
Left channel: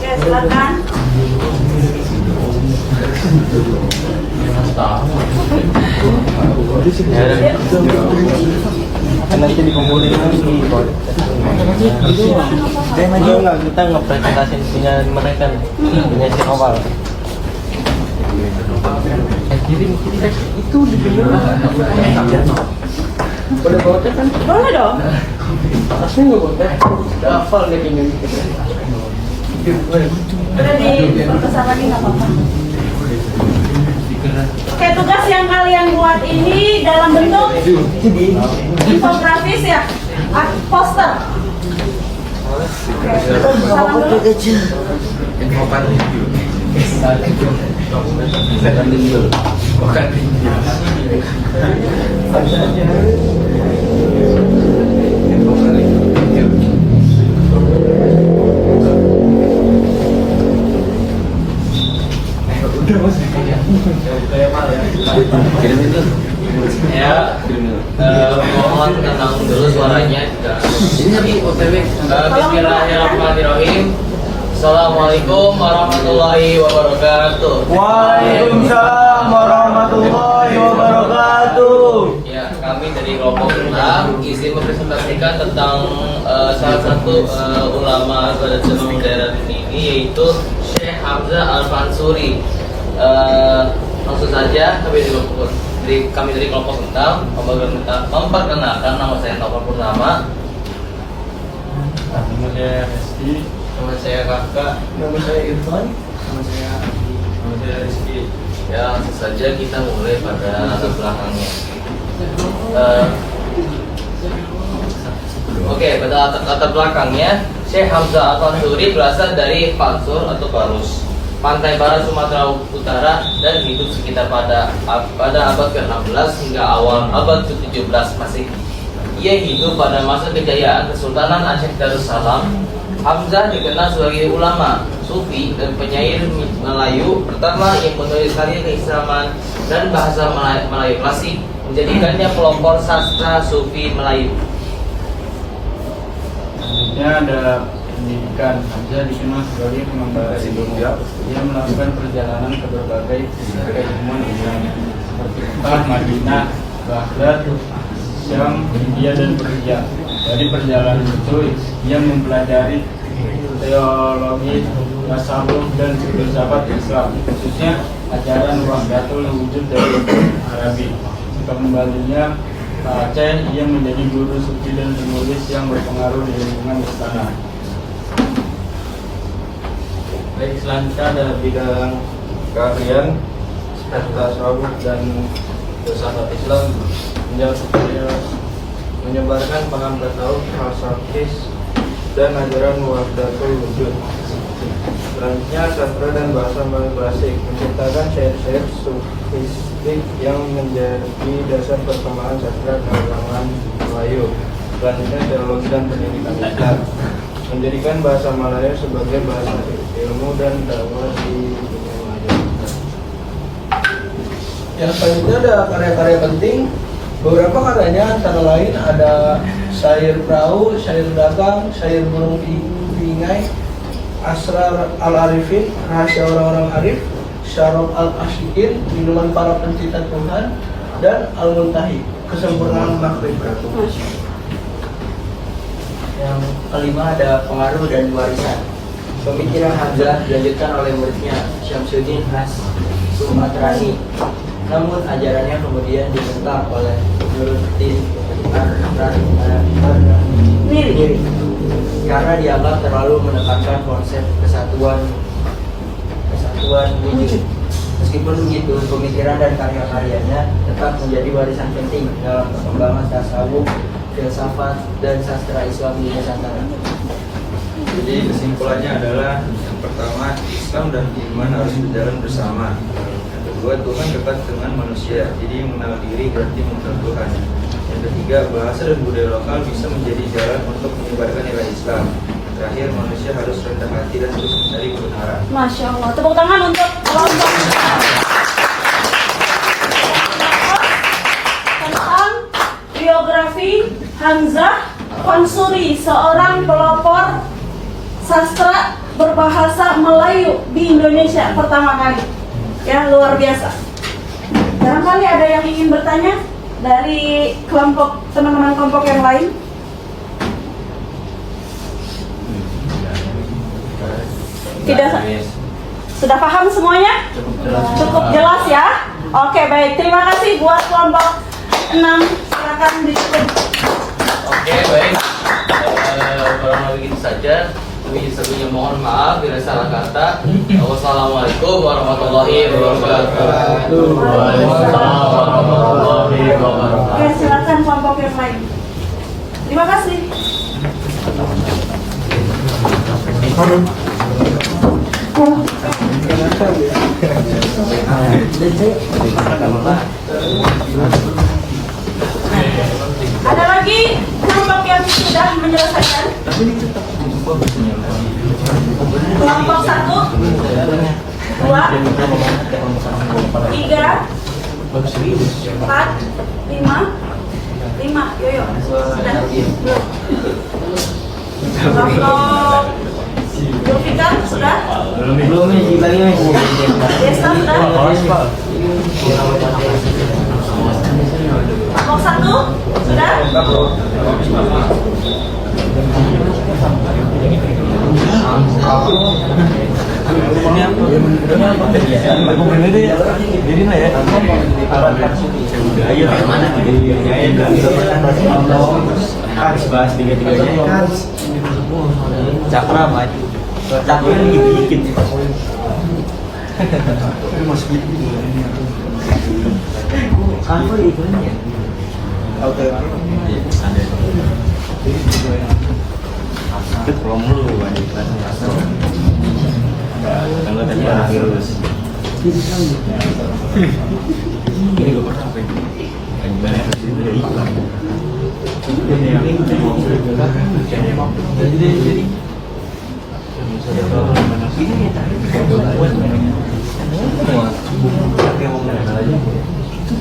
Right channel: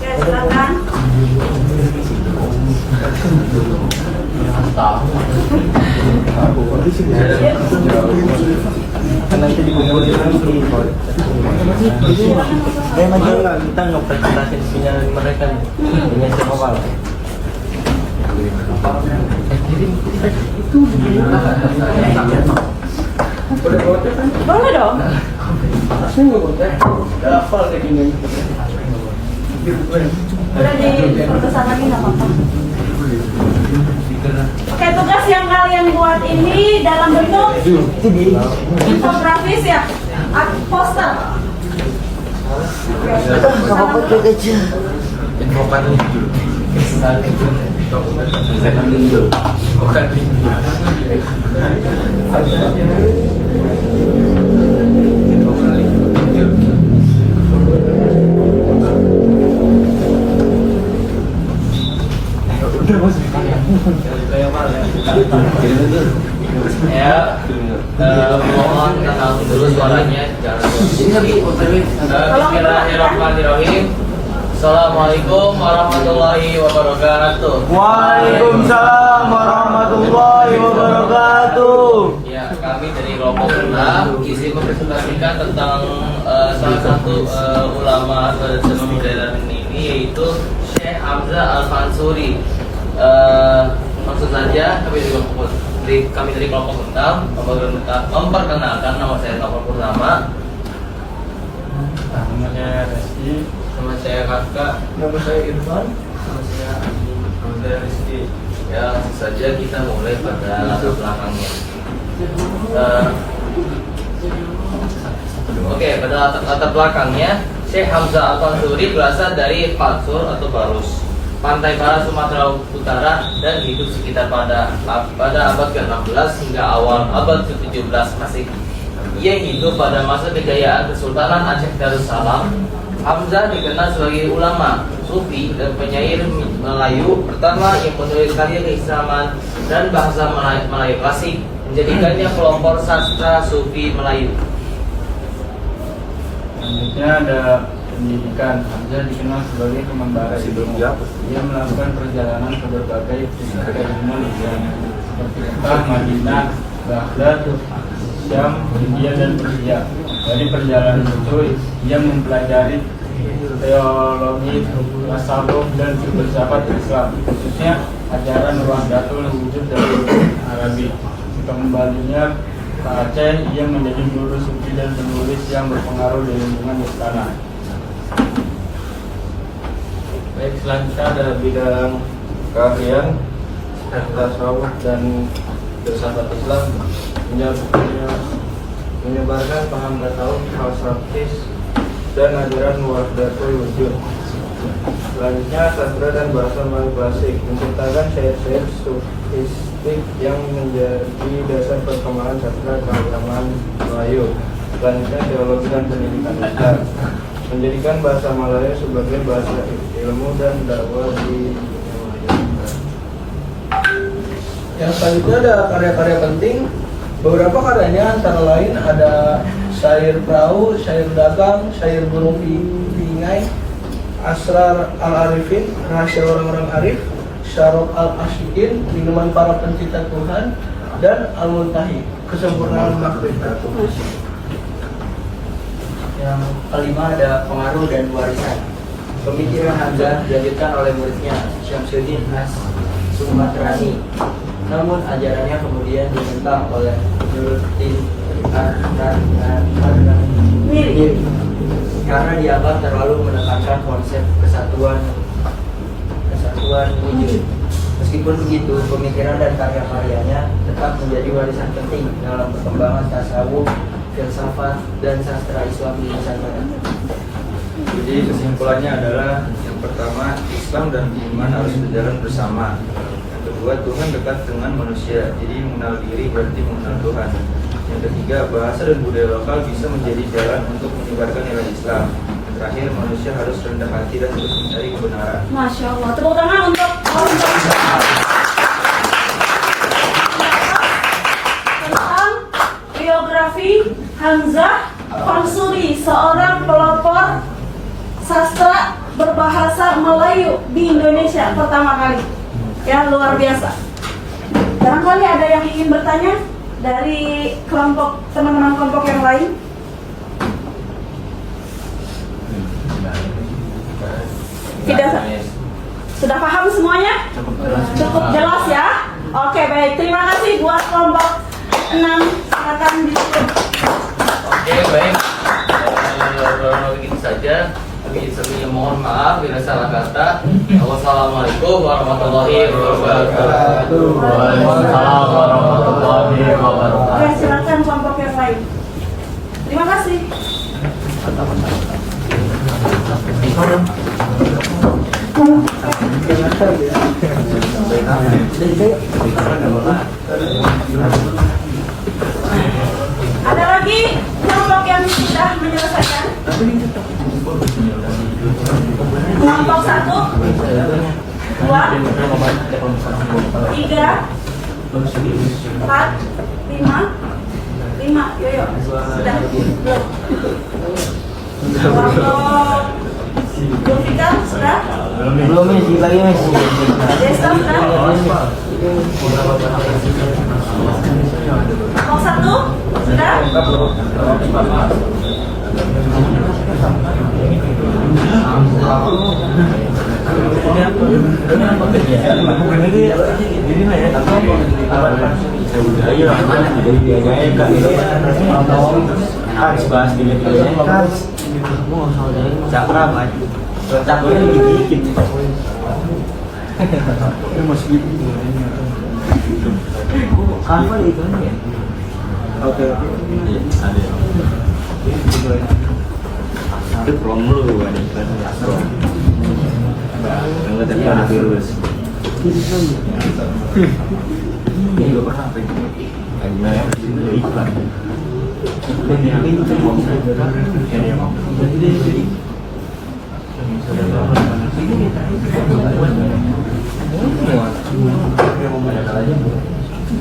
Ya, silakan. Nanti dikumpulkan kita ngepresentasiin punya mereka punya siapa malah itu Boleh dong. Udah diperbesar lagi nggak apa-apa. Oke, tugas yang kalian buat ini dalam bentuk infografis ya, poster. Oke, salam dulu. Ya, mohon kenal dulu suaranya. Bismillahirrahmanirrahim. Assalamualaikum warahmatullahi wabarakatuh. Waalaikumsalam warahmatullahi wabarakatuh. Ya, kami dari kelompok 6 izin mempresentasikan tentang salah satu ulama beragama modern ini, yaitu Syekh Hamzah Al-Fansuri. Langsung saja kami dari kelompok 6 memperkenalkan, nama saya Taufan Purnama. Nama saya Reski. Nama saya Kakak. Nama saya Irfan. Nama saya Rizky. Ya, langsung saja kita mulai pada latar belakangnya. Oke, pada latar belakangnya, Syekh Hamzah Al-Fansuri berasal dari Fansur atau Barus, pantai barat Sumatera Utara, dan hidup sekitar pada abad ke-16 hingga awal abad ke-17 Masehi. Ia hidup pada masa kejayaan Kesultanan Aceh Darussalam. Hamzah dikenal sebagai ulama, sufi, dan penyair Melayu pertama yang menulis karya keislaman dan bahasa Melayu klasik, menjadikannya pelopor sastra sufi Melayu. Selanjutnya ada pendidikan. Hamzah dikenal sebagai pengembara ilmu. Ia melakukan perjalanan ke berbagai keilmuan Islam seperti Mekah, Madinah, Baghdad, Syam, India, dan Persia. Dari perjalanan itu, ia mempelajari teologi, tasawuf, dan filsafat Islam, khususnya ajaran Wahdatul Wujud dari Arabi. Kembalinya ke Aceh, ia menjadi guru sufi dan penulis yang berpengaruh di lingkungan istana. Baik, selanjutnya ada bidang keahlian tasawuf dan filsafat Islam, menyebarkan paham tasawuf, falsafis, dan ajaran Wahdatul Wujud. Selanjutnya sastra dan bahasa Melayu klasik, menciptakan syair-syair sufistik yang menjadi dasar perkembangan sastra keagamaan Melayu. Selanjutnya teologi dan pendidikan Islam, menjadikan bahasa Melayu sebagai bahasa ilmu dan dakwah di dunia maya. Yang selanjutnya ada karya-karya penting. Beberapa karyanya antara lain ada syair perahu, syair dagang, syair burung pingai, Asrar al-Arifin, rahasia orang-orang arif, Syarab al-Asyikin, minuman para pencipta Tuhan, dan Al-Muntahi, kesempurnaan makrifat. Yang kelima ada pengaruh dan warisan. Pemikiran Hamzah dilanjutkan oleh muridnya Syamsuddin As-Sumatrani. Namun ajarannya kemudian ditentang oleh Nuruddin Miri. karena dianggap terlalu menekankan konsep kesatuan wujud. Meskipun begitu, pemikiran dan karya-karyanya tetap menjadi warisan penting dalam perkembangan tasawuf, filsafat, dan sastra Islam di Nusantara. Jadi kesimpulannya adalah yang pertama, Islam dan iman harus berjalan bersama. Yang kedua, Tuhan dekat dengan manusia, jadi mengenal diri berarti mengenal Tuhan. Yang ketiga, bahasa dan budaya lokal bisa menjadi jalan untuk menyebarkan nilai Islam. Yang terakhir, manusia harus rendah hati dan terus mencari kebenaran. Masya Allah. Tepuk tangan untuk kelompok tentang biografi Hamzah Fansuri, seorang pelopor sastra berbahasa Melayu di Indonesia pertama kali. Ya, luar biasa. Barangkali ada yang ingin bertanya dari kelompok teman-teman kelompok yang lain? Tidak. Sudah paham semuanya? Cukup jelas ya? Oke, baik. Terima kasih buat kelompok 6. Silakan ditutup. Oke, baik. Kurang lebih gitu saja. Kami sebelumnya mohon maaf bila salah kata. Wassalamualaikum warahmatullahi wabarakatuh. Waalaikumsalam warahmatullahi wabarakatuh. Oke, silakan kelompok yang lain. Terima kasih. Ada lagi kelompok yang sudah menyelesaikan? Kelompok 1, 2, 3, 4, 5, yoyo. Sudah? Belum? Kelompok Zulfikar sudah? Belum dibagi Desa sudah? Kelompok 1 sudah? harus bahas tiga-tiganya harus cakra maju cakra dikit apa itu ya oke ada itu krom lu kan kalau tadi ada virus ini gue pernah apa kan gimana ya udah iklan jadi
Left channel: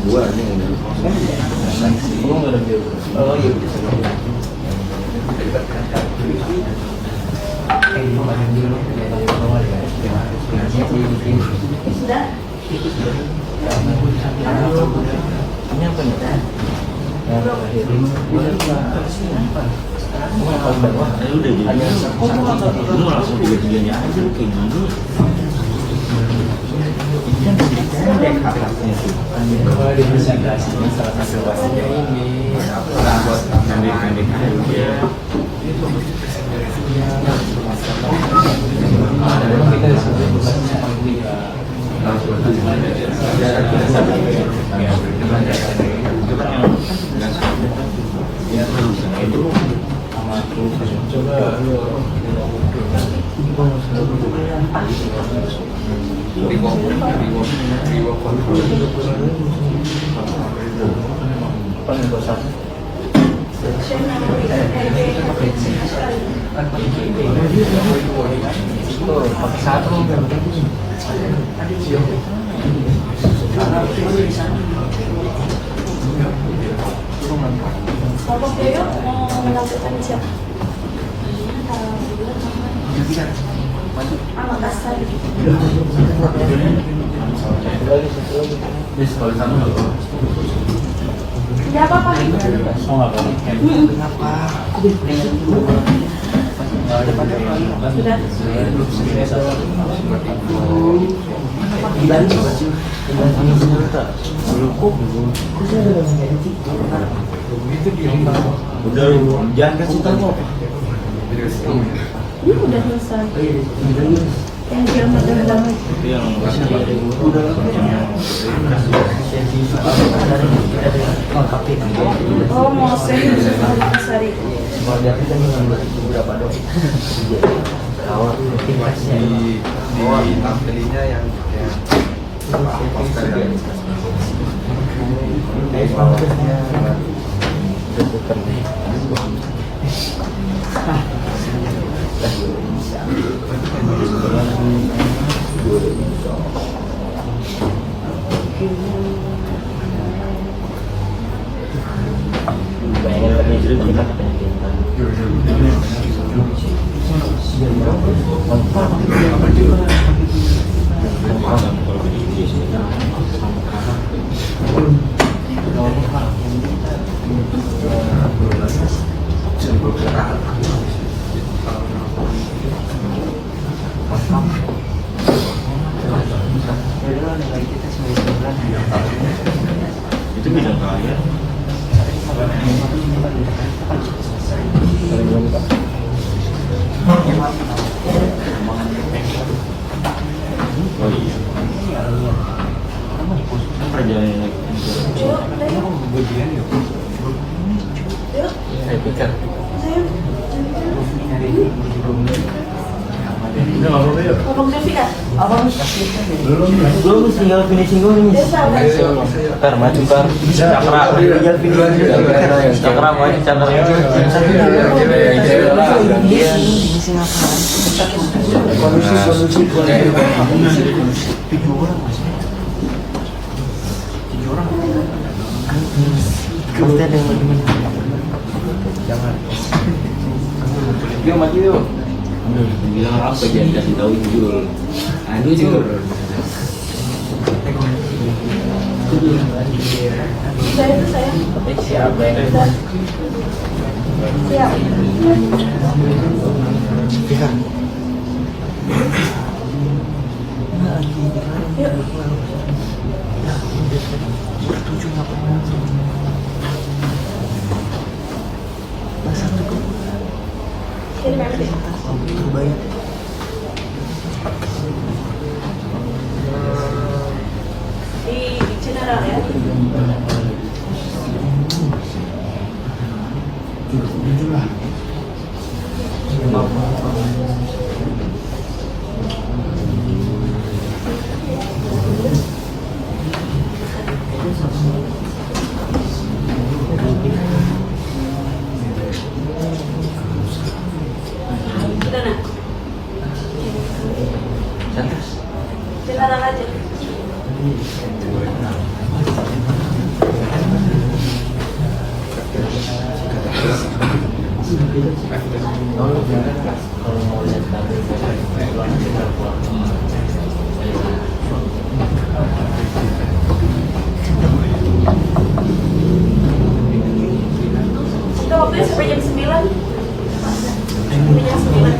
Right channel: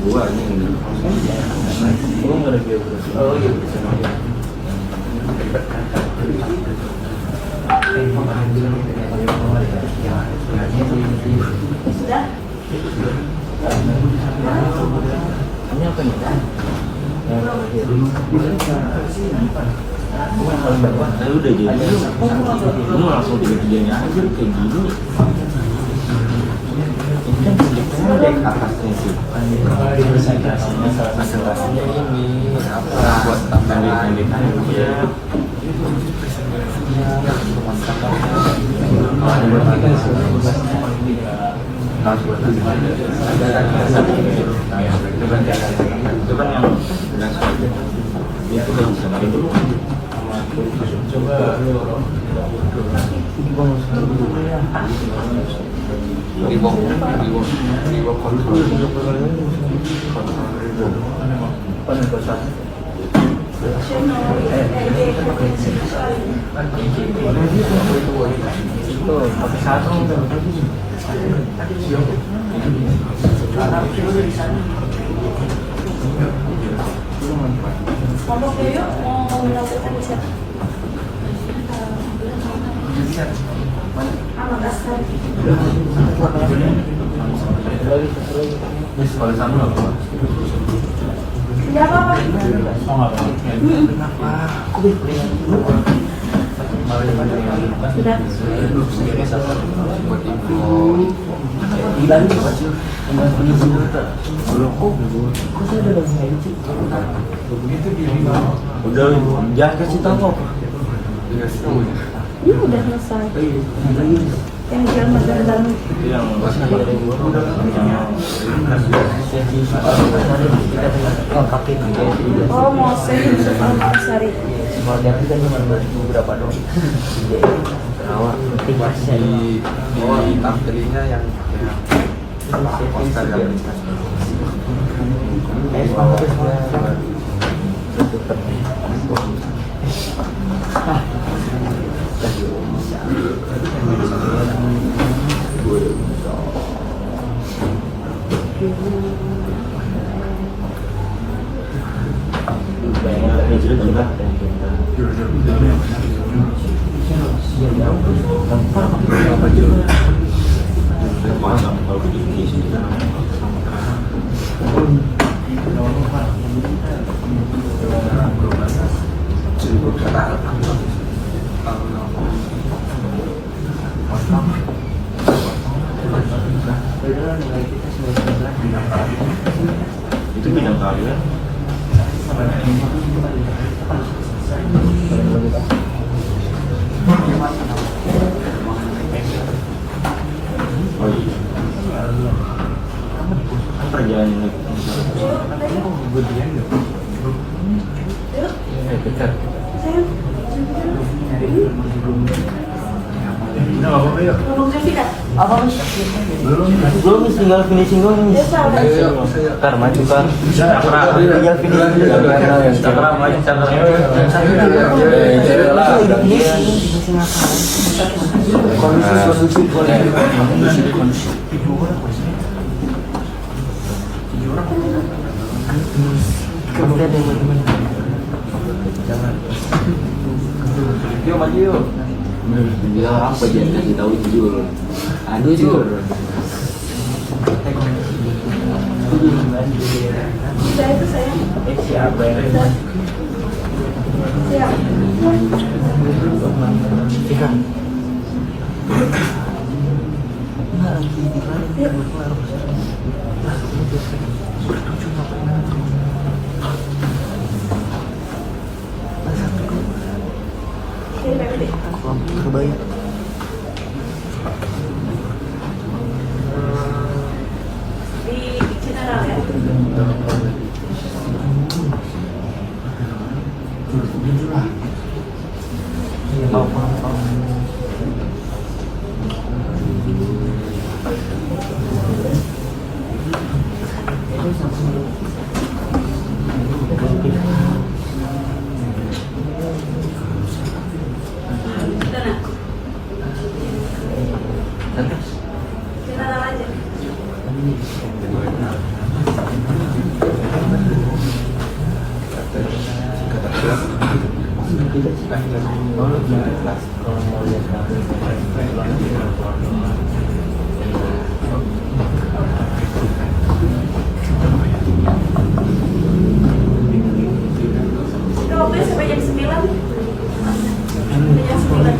gua ini nggak ada oh iya Sudah? ini apa nih? Ya udah jadi lu langsung tiga-tiganya aja kayak gini. Ini kan pendek akadnya tuh. Presentasinya ini apa buat pendek-pendek aja. Kelompok yoyo mau menampilkan siapa? Ahmad Asari. Tidak apa-apa. Sudah. Udah, jangan kasih tahu apa. Ini udah selesai. Yang jalan dalam. Itu yang masih ada Oh, mau saya Sari. Di tampilnya yang itu bidang karya. Oh iya. Perjalanan naik. Abang Zevika. Belum tinggal finishing doang nih. Desa udah. Kan maju kan. Tinggal finishing. Cakra maju cakra. Dia maju yuk. Bilang apa jangan kasih tahu jujur. Aduh jujur. Udah itu sayang. Siap. Udah. Siap. Yuk. Ini nanti. Di general ya. Udah nak. General aja. Kita waktunya sampai jam 9. Sampai jam 9.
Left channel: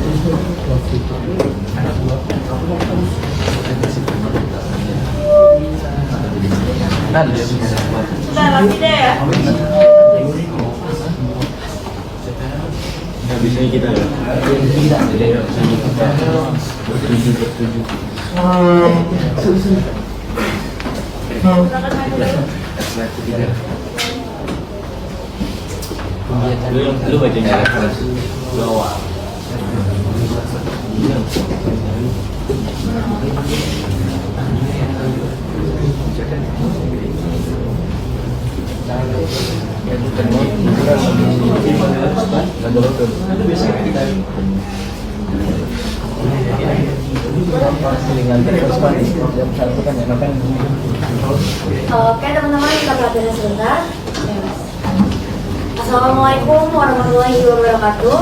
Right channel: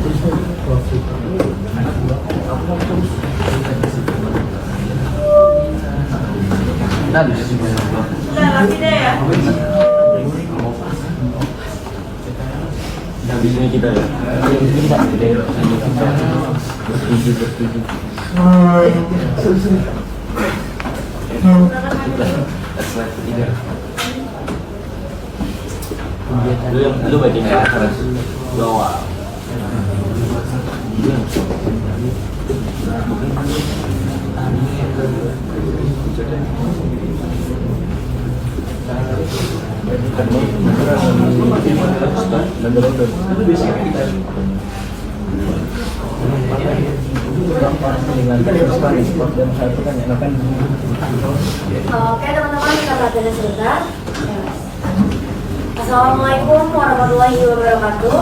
Sudah lagi deh ya. Nah, bisa kita ya. Silakan maju dulu. Lu bacanya lu awal. Oke teman-teman, kita pelajari sebentar. Assalamualaikum warahmatullahi wabarakatuh.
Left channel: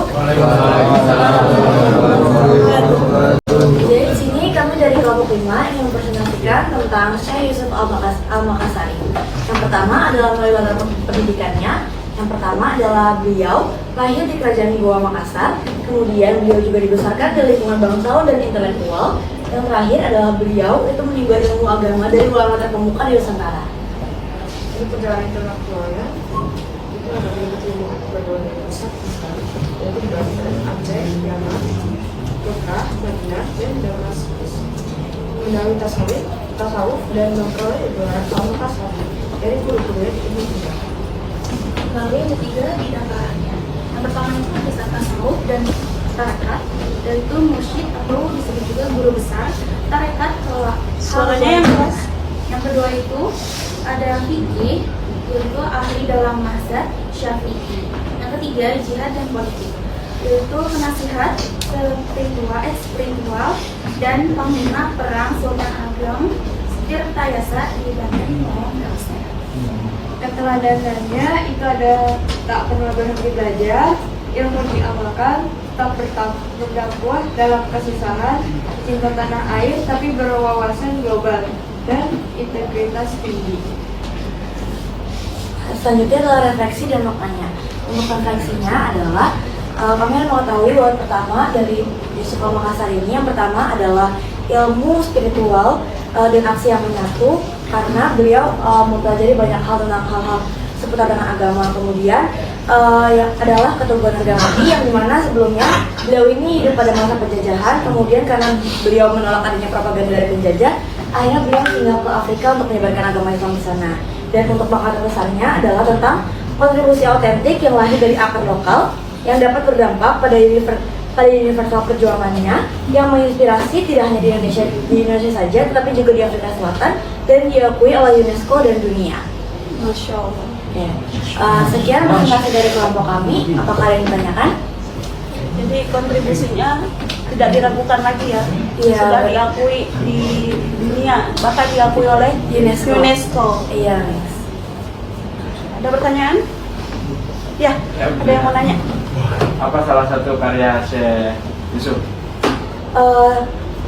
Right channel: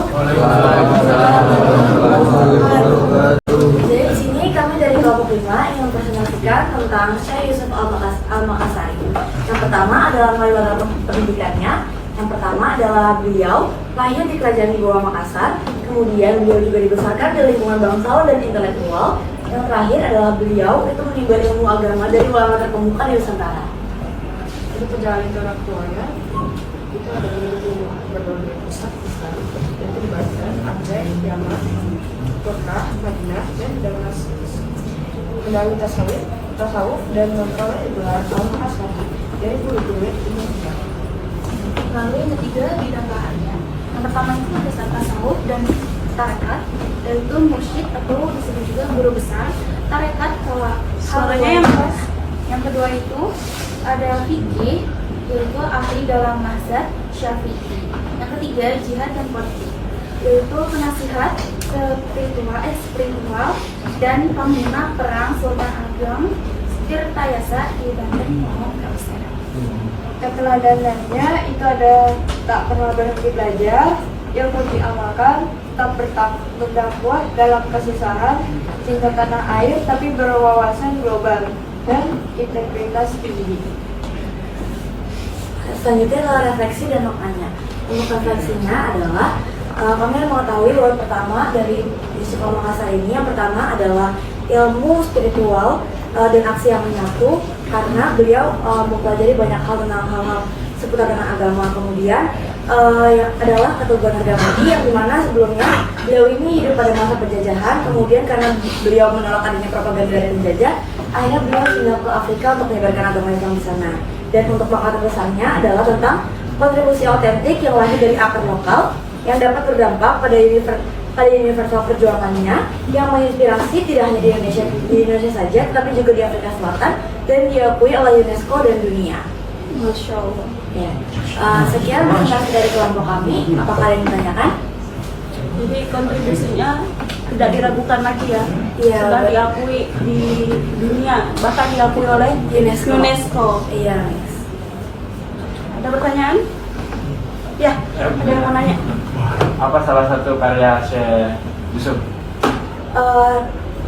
Jadi di sini kami dari kelompok 5 ingin mempresentasikan tentang Syekh Yusuf Al-Makassari. Yang pertama adalah latar pendidikannya. Yang pertama adalah beliau lahir di Kerajaan Goa Makassar. Kemudian beliau juga dibesarkan di lingkungan bangsawan dan intelektual. Yang terakhir adalah beliau itu menimba ilmu agama dari ulama terkemuka di Nusantara. Untuk perjalanan intelektualnya itu ada berbagai pusat besar, yaitu di Banten, Aceh, Yaman, Mekah, Madinah, dan Damaskus. Mendalami tasawuf dan memperoleh gelar Al-Makasari dari guru-guru Ibnu Sina. Lalu yang ketiga bidang bahannya. Yang pertama itu ada tasawuf dan tarekat, yaitu mursyid atau disebut juga guru besar tarekat Khalwatiyah. Yang kedua itu ada fikih, yaitu ahli dalam mazhab Syafi'i. Yang ketiga jihad dan politik, yaitu penasihat spiritual dan panglima perang Sultan Ageng Tirtayasa di Banten Malang Ausera. Keteladanannya itu ada tak pernah berhenti belajar, ilmu diamalkan, tak berdakwah dalam kesusahan, cinta tanah air tapi berwawasan global, dan integritas tinggi. Selanjutnya adalah refleksi dan maknanya. Untuk refleksinya adalah kami harus mengetahui bahwa pertama dari Yusuf Al-Makassari ini, yang pertama adalah ilmu spiritual dan aksi yang menyatu, karena beliau mempelajari banyak hal tentang hal-hal seputar dengan agama. Kemudian yang adalah keteguhan harga mati, yang dimana sebelumnya beliau ini hidup pada masa penjajahan. Kemudian karena beliau menolak adanya propaganda dari penjajah, akhirnya beliau tinggal ke Afrika untuk menyebarkan agama Islam di sana. Dan untuk bakal terbesarnya adalah tentang kontribusi autentik yang lahir dari akar lokal yang dapat berdampak pada universal perjuangannya, yang menginspirasi tidak hanya di Indonesia saja, tetapi juga di Afrika Selatan dan diakui oleh UNESCO dan dunia. Masya Allah. Ya. Sekian presentasi dari kelompok kami. Apakah ada yang ditanyakan? Jadi kontribusinya tidak diragukan lagi ya. Iya. Sudah diakui di dunia, bahkan diakui oleh UNESCO. Iya. Ada pertanyaan? Ya, ada yang mau nanya? Apa salah satu karya Syekh Yusuf?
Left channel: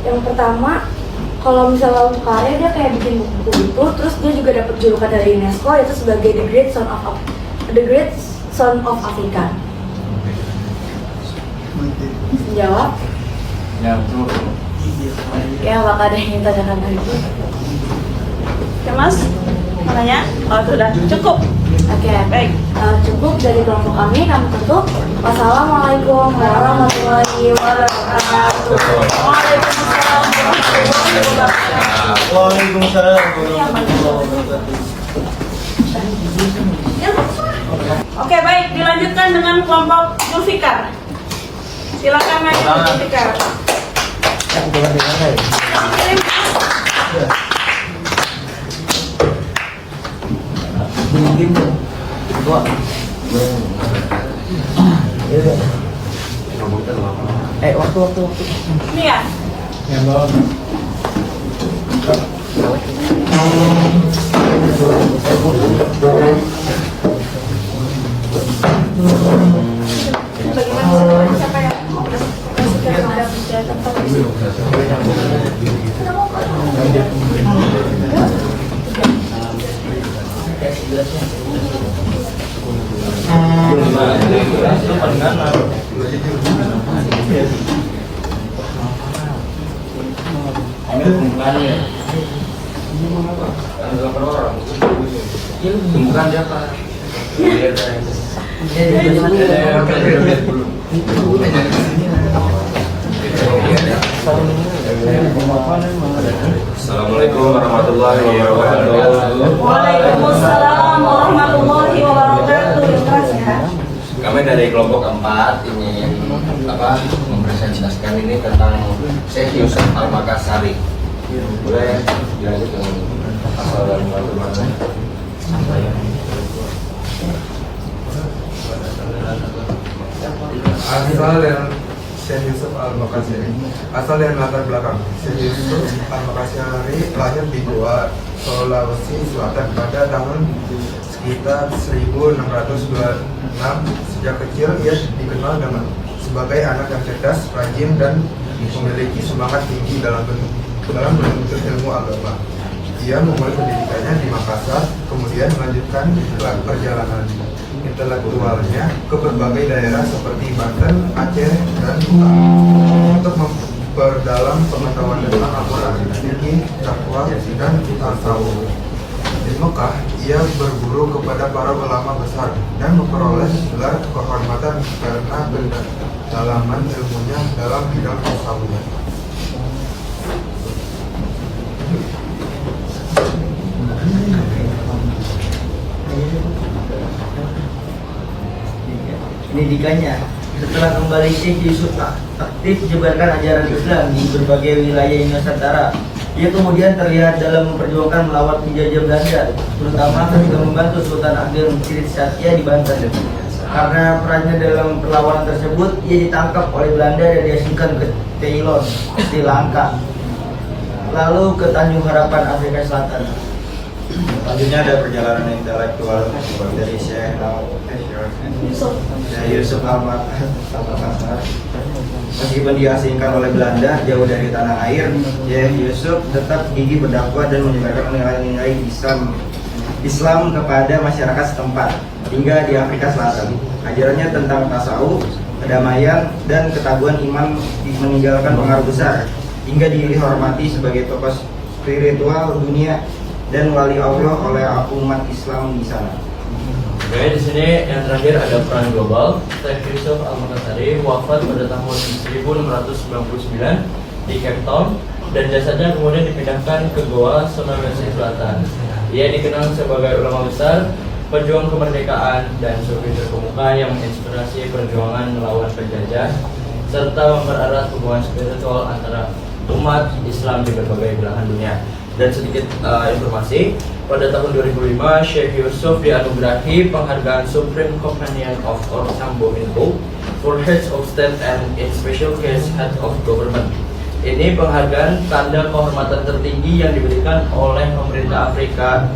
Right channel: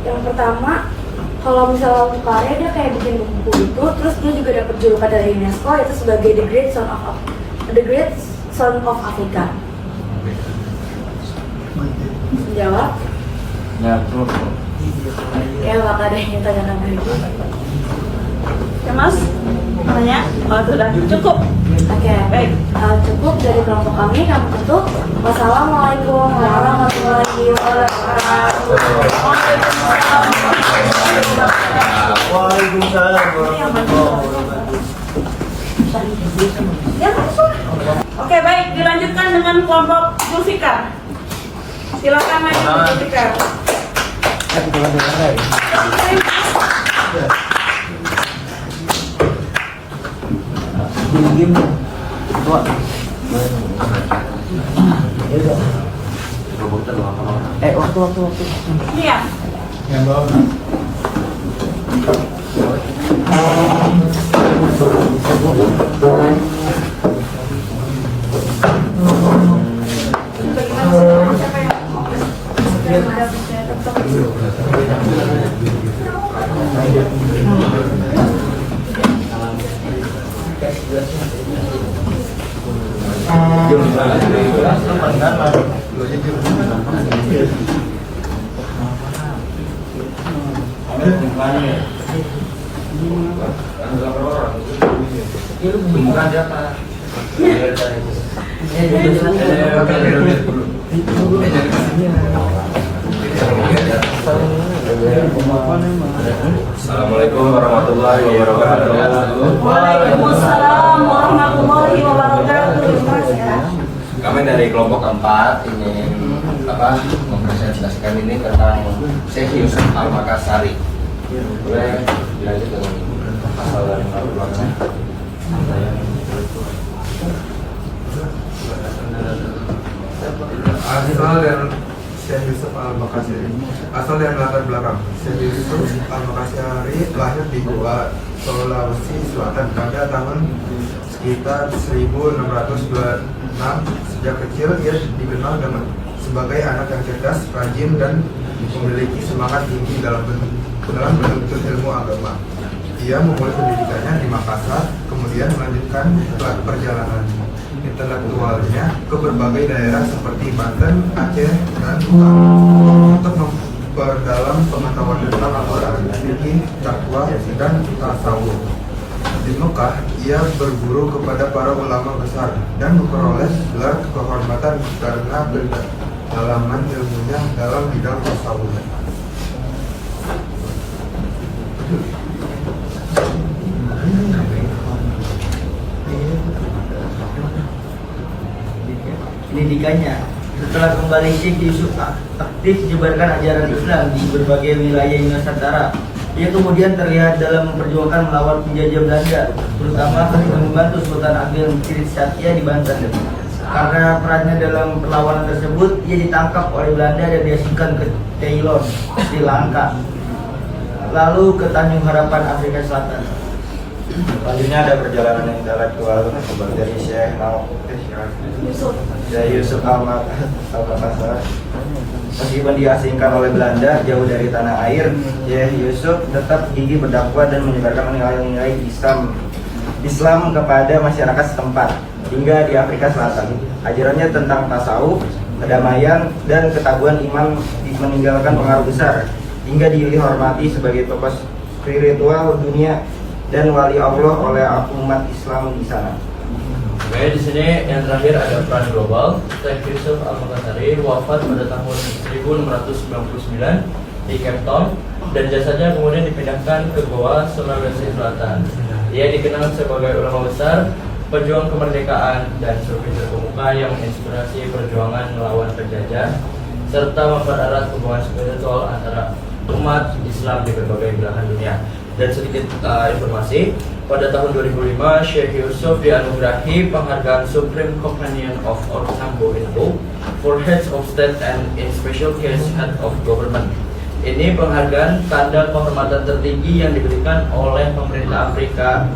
Yang pertama, kalau misalnya karya dia kayak bikin buku itu, terus dia juga dapat julukan dari UNESCO yaitu sebagai The Great Son of Africa. Menjawab? Ya, tuh. Kayak bakal ada yang tanyakan lagi. Ya Mas, tanya? Oh sudah, cukup. Oke, Baik. Cukup dari kelompok kami tutup. Wassalamualaikum warahmatullahi wabarakatuh. Waalaikumsalam warahmatullahi wabarakatuh. Oke, baik, dilanjutkan dengan kelompok Zulfikar. Silakan maju Zulfikar. Waktu. Ini ya. Yang bawah. Bagaimana siapa yang mau presentasi? Bukan siapa? Assalamualaikum warahmatullahi wabarakatuh. Waalaikumsalam warahmatullahi wabarakatuh. Kami dari kelompok 4 ingin mempresentasikan ini tentang Syekh Yusuf Al-Makassari. Boleh dilanjut dengan asal dan latar belakang. Asal dan Syekh Yusuf Al-Makassari. Asal dan latar belakang. Syekh Yusuf Al-Makassari lahir di Goa, Sulawesi Selatan pada tahun sekitar 1626. Sejak kecil ia dikenal sebagai anak yang cerdas, rajin, dan memiliki semangat tinggi dalam menuntut ilmu agama. Ia memulai pendidikannya di Makassar, kemudian melanjutkan perjalanan intelektualnya ke berbagai daerah seperti Banten, Aceh, dan Utara. Untuk memperdalam pengetahuan tentang Al-Quran, fikih, dakwah, dan tasawuf. Di Mekah, ia berguru kepada para ulama besar dan memperoleh gelar kehormatan karena pendalaman ilmunya dalam bidang tasawuf. Pendidikannya, setelah kembali Syekh Yusuf aktif menyebarkan ajaran Islam di berbagai wilayah Nusantara. Ia kemudian terlihat dalam memperjuangkan melawan penjajah Belanda, terutama ketika membantu Sultan Agil Cirit Satya di Banten. Karena perannya dalam perlawanan tersebut, ia ditangkap oleh Belanda dan diasingkan ke Ceylon, Sri Lanka, lalu ke Tanjung Harapan, Afrika Selatan. Selanjutnya ada perjalanan intelektual dari Yusuf Al-Makassar. Meskipun diasingkan oleh Belanda jauh dari tanah air, Syekh Yusuf tetap gigih berdakwah dan menyebarkan nilai-nilai Islam kepada masyarakat setempat hingga di Afrika Selatan. Ajarannya tentang tasawuf, kedamaian, dan ketaguhan iman meninggalkan pengaruh besar hingga dihormati sebagai tokoh spiritual dunia dan wali Allah oleh umat Islam di sana. Oke, di sini yang terakhir ada peran global. Syekh Yusuf Al-Makassari wafat pada tahun 1699 di Cape Town dan jasadnya kemudian dipindahkan ke Goa, Sulawesi Selatan. Ia dikenal sebagai ulama besar, pejuang kemerdekaan, dan sufi terkemuka yang menginspirasi perjuangan melawan penjajah serta mempererat hubungan spiritual antara umat Islam di berbagai belahan dunia. Dan sedikit informasi, pada tahun 2005 Syekh Yusuf dianugerahi penghargaan Supreme Companion of Ortambo Info for Heads of State and in Special Case Head of Government. Ini penghargaan tanda kehormatan tertinggi yang diberikan oleh pemerintah Afrika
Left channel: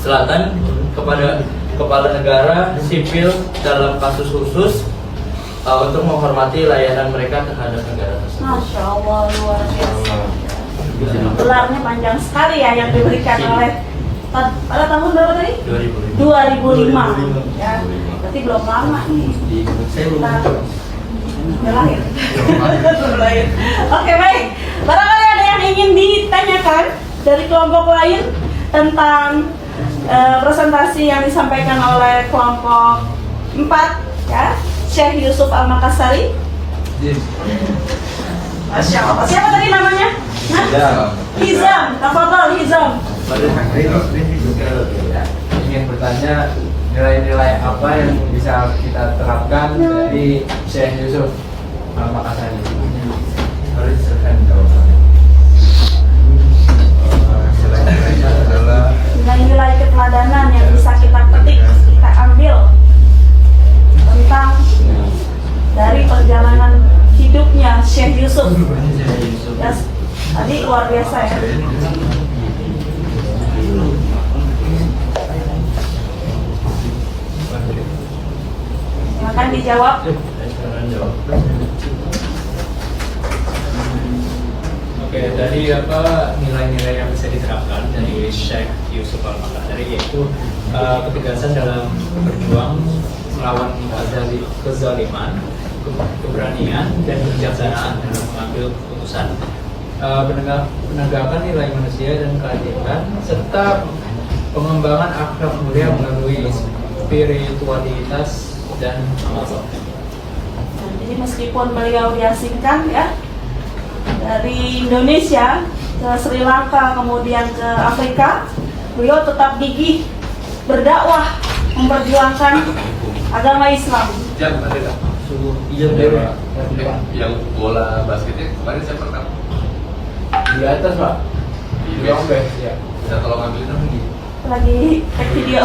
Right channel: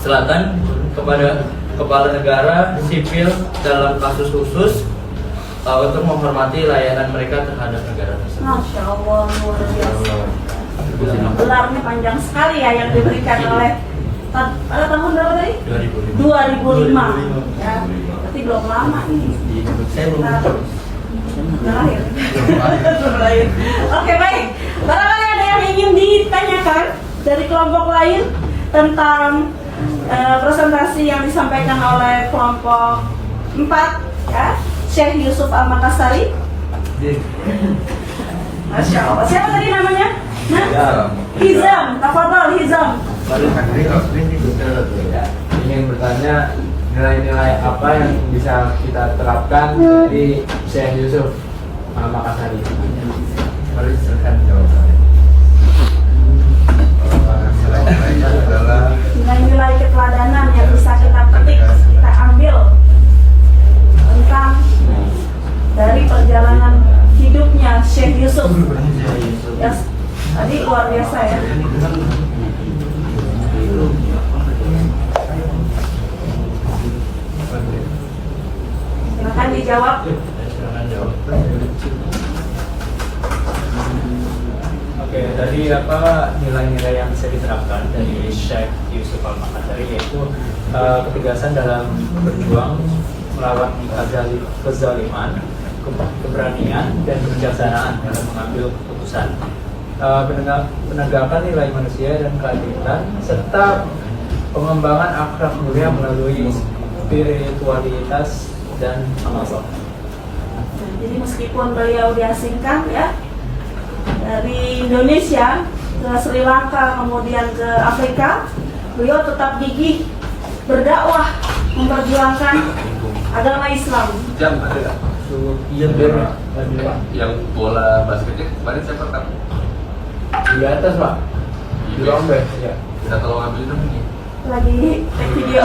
Selatan kepada kepala negara sipil dalam kasus khusus untuk menghormati layanan mereka terhadap negara tersebut. Masya Allah, luar biasa. Gelarnya panjang sekali ya yang diberikan oleh pada tahun berapa tadi? 2005. Ya, berarti belum lama nih. Saya belum lahir. Belum lahir. Oke, baik. Barangkali ada yang ingin ditanyakan dari kelompok lain tentang presentasi yang disampaikan oleh kelompok 4 ya, Syekh Yusuf Al-Makassari. Masya Allah. Siapa tadi namanya? Hizam. Tafadhal Hizam. Ingin bertanya nilai-nilai apa yang bisa kita terapkan dari Syekh Yusuf Al-Makassari. Harus diserahkan jawabannya. Nilai-nilainya adalah Nilai-nilai keteladanan yang bisa kita petik, kita ambil tentang dari perjalanan hidupnya Syekh Yusuf. Ya, tadi luar biasa ya. Silakan dijawab. Oke, dari apa nilai-nilai yang bisa diterapkan dari Syekh Yusuf Al-Makassari yaitu ketegasan dalam berjuang melawan kezaliman, keberanian, dan kebijaksanaan dalam mengambil keputusan, penegakan nilai manusia dan keadilan, serta pengembangan akhlak mulia melalui spiritualitas dan amal. Jadi meskipun beliau diasingkan ya dari Indonesia ke Sri Lanka kemudian ke Afrika, beliau tetap gigih berdakwah memperjuangkan agama Islam. Yang bola basketnya kemarin saya pertama Di atas Pak. Di Lombok. Ya. bisa tolong ambilin dong ini. Lagi take video.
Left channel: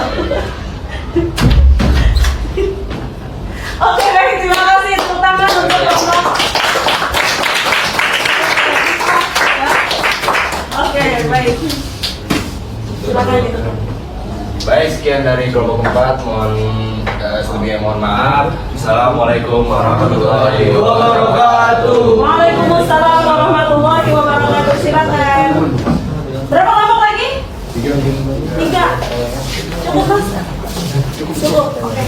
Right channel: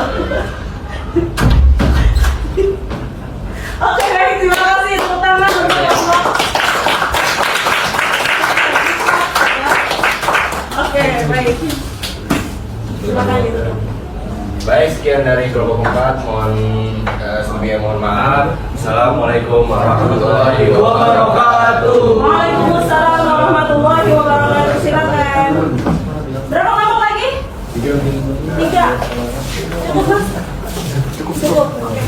Oke, baik, terima kasih tepuk tangan untuk kelompok. Oke, baik. Silakan ditutup. Baik, sekian dari kelompok 4. Mohon sebelumnya mohon maaf. Assalamualaikum warahmatullahi wabarakatuh. Waalaikumsalam warahmatullahi wabarakatuh. Silakan. Berapa kelompok lagi? 3. Cukup Mas? Cukup. Oke.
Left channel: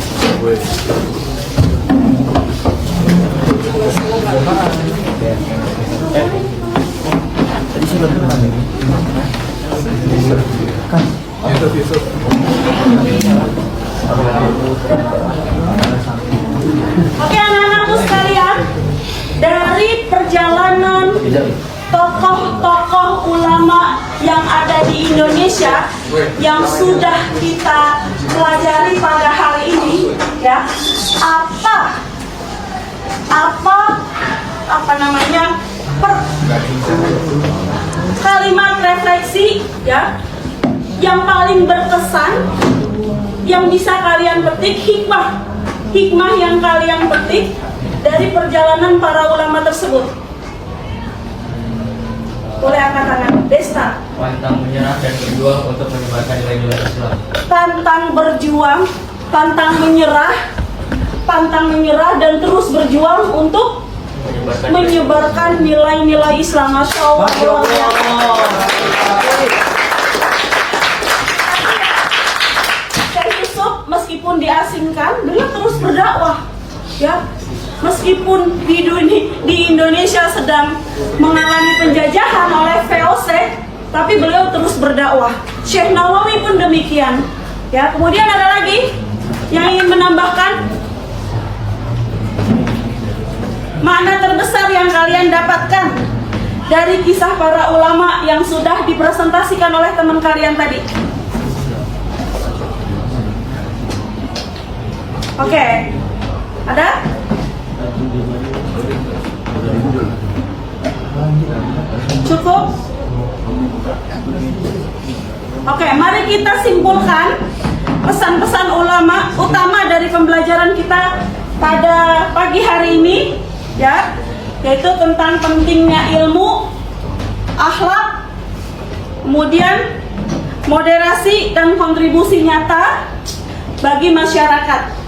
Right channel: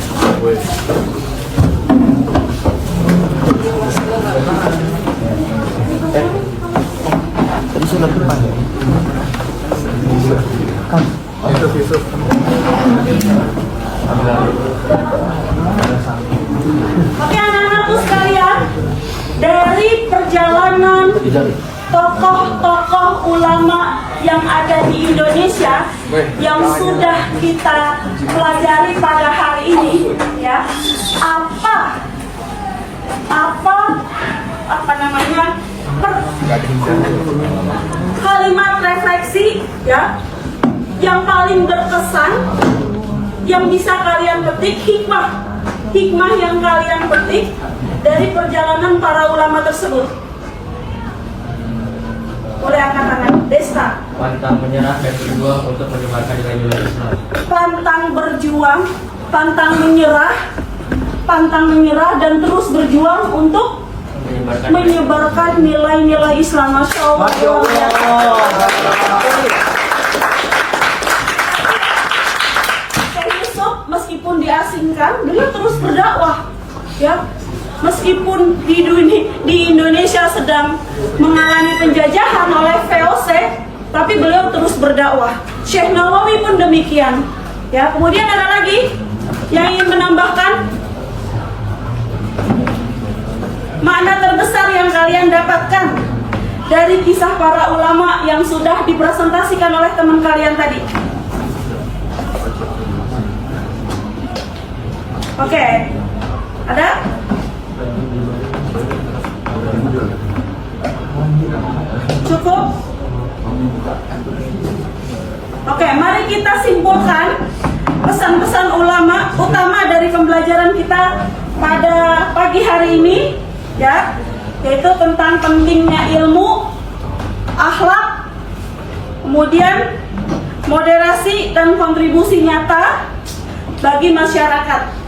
Yusuf. Oke anak-anakku sekalian, dari perjalanan tokoh-tokoh ulama yang ada di Indonesia yang sudah kita pelajari pada hari ini, ya, apa namanya kalimat refleksi, ya, yang paling berkesan yang bisa kalian petik, hikmah yang kalian petik dari perjalanan para ulama tersebut. Boleh angkat tangan. Desta. Pantang menyerah dan berjuang untuk menyebarkan nilai-nilai Islam. Pantang berjuang, pantang menyerah dan terus berjuang untuk menyebarkan nilai-nilai Islam. Masya Allah. Syekh Yusuf meskipun diasingkan, beliau terus berdakwah, ya. Meskipun di Indonesia sedang mengalami penjajahan oleh VOC, tapi beliau terus berdakwah. Syekh Nawawi pun demikian. Ya, kemudian ada lagi yang ingin menambahkan makna terbesar yang kalian dapatkan dari kisah para ulama yang sudah dipresentasikan oleh teman kalian tadi. Oke, ada? Cukup? Oke, mari kita simpulkan pesan-pesan ulama utama dari pembelajaran kita pada pagi hari ini, ya, yaitu tentang pentingnya ilmu, akhlak, kemudian moderasi dan kontribusi nyata bagi masyarakat.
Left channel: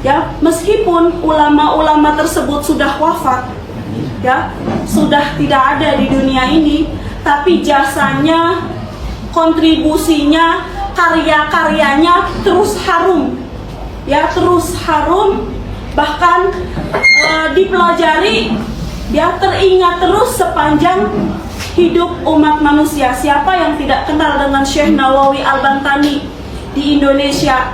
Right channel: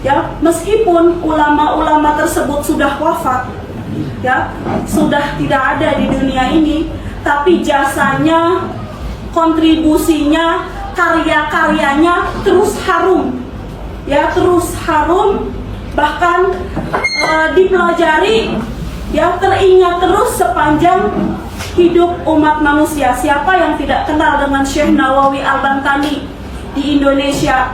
Ya, meskipun ulama-ulama tersebut sudah wafat, ya, sudah tidak ada di dunia ini, tapi jasanya, kontribusinya, karya-karyanya terus harum, ya, terus harum, bahkan dipelajari, ya, teringat terus sepanjang hidup umat manusia. Siapa yang tidak kenal dengan Syekh Nawawi Al-Bantani di Indonesia,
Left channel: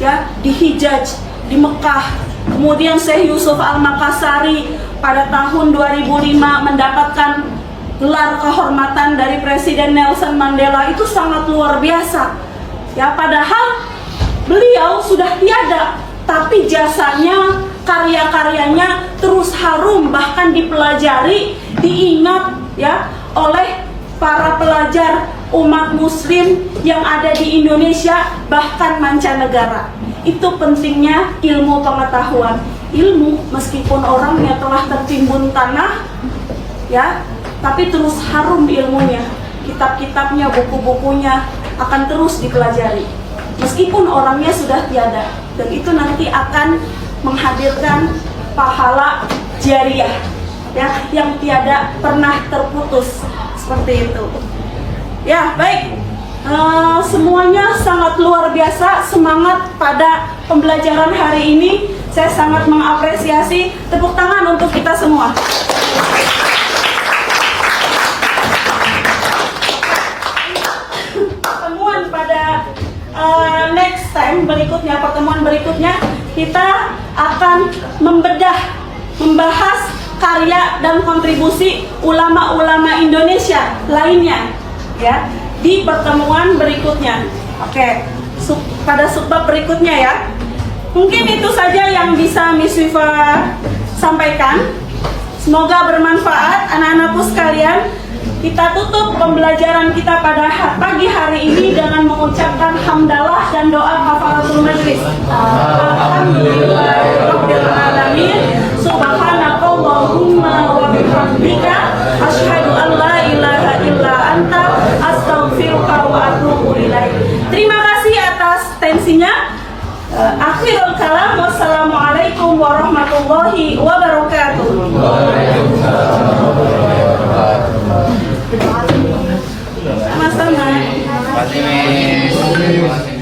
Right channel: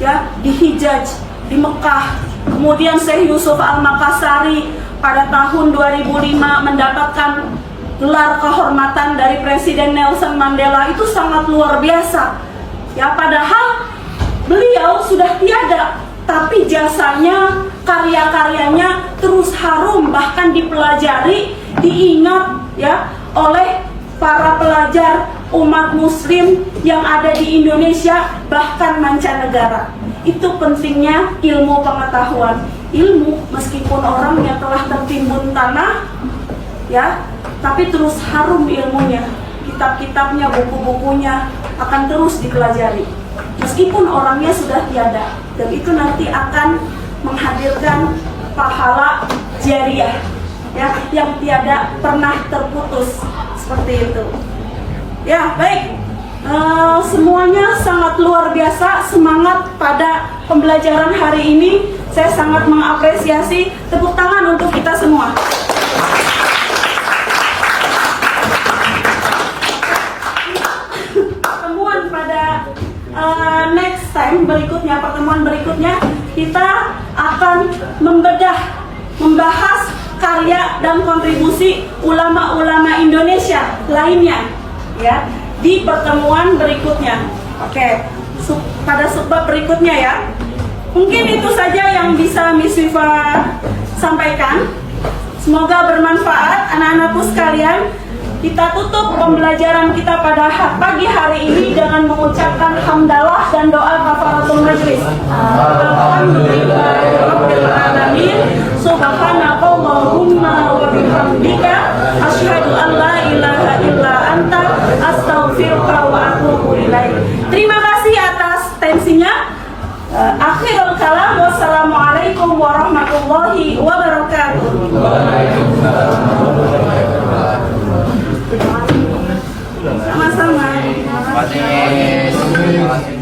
ya, di Hijaz, di Mekah. Kemudian Syekh Yusuf Al-Makassari pada tahun 2005 mendapatkan gelar kehormatan dari Presiden Nelson Mandela. Itu sangat luar biasa, ya, padahal beliau sudah tiada, tapi jasanya, karya-karyanya terus harum, bahkan dipelajari, diingat, ya, oleh para pelajar umat muslim yang ada di Indonesia, bahkan mancanegara. Itu pentingnya ilmu pengetahuan. Ilmu meskipun orangnya telah tertimbun tanah, ya, tapi terus harum ilmunya. Kitab-kitabnya, buku-bukunya akan terus dipelajari meskipun orangnya sudah tiada, dan itu nanti akan menghadirkan pahala jariah, ya, yang tiada pernah terputus, seperti itu. Ya, baik. Semuanya sangat luar biasa, semangat pada pembelajaran hari ini. Saya sangat mengapresiasi. Tepuk tangan untuk kita semua. Pertemuan pada next time berikutnya, pertemuan berikutnya kita akan membahas karya dan kontribusi ulama-ulama Indonesia lainnya, ya, di pertemuan berikutnya. Oke, pada subbab berikutnya, ya. Mungkin itu saja yang bisa Miss Wifa sampaikan. Semoga bermanfaat anak-anakku sekalian. Kita tutup pembelajaran kita pada pagi hari ini dengan mengucapkan hamdalah dan doa kafaratul majlis. Alhamdulillahirabbil alamin. Subhanakallahumma wa bihamdika asyhadu an la ilaha illa anta astaghfiruka wa atubu ilaik. Terima kasih atas tensinya. Akhirul kalam, wassalamualaikum warahmatullahi wabarakatuh. Sama-sama. Terima kasih.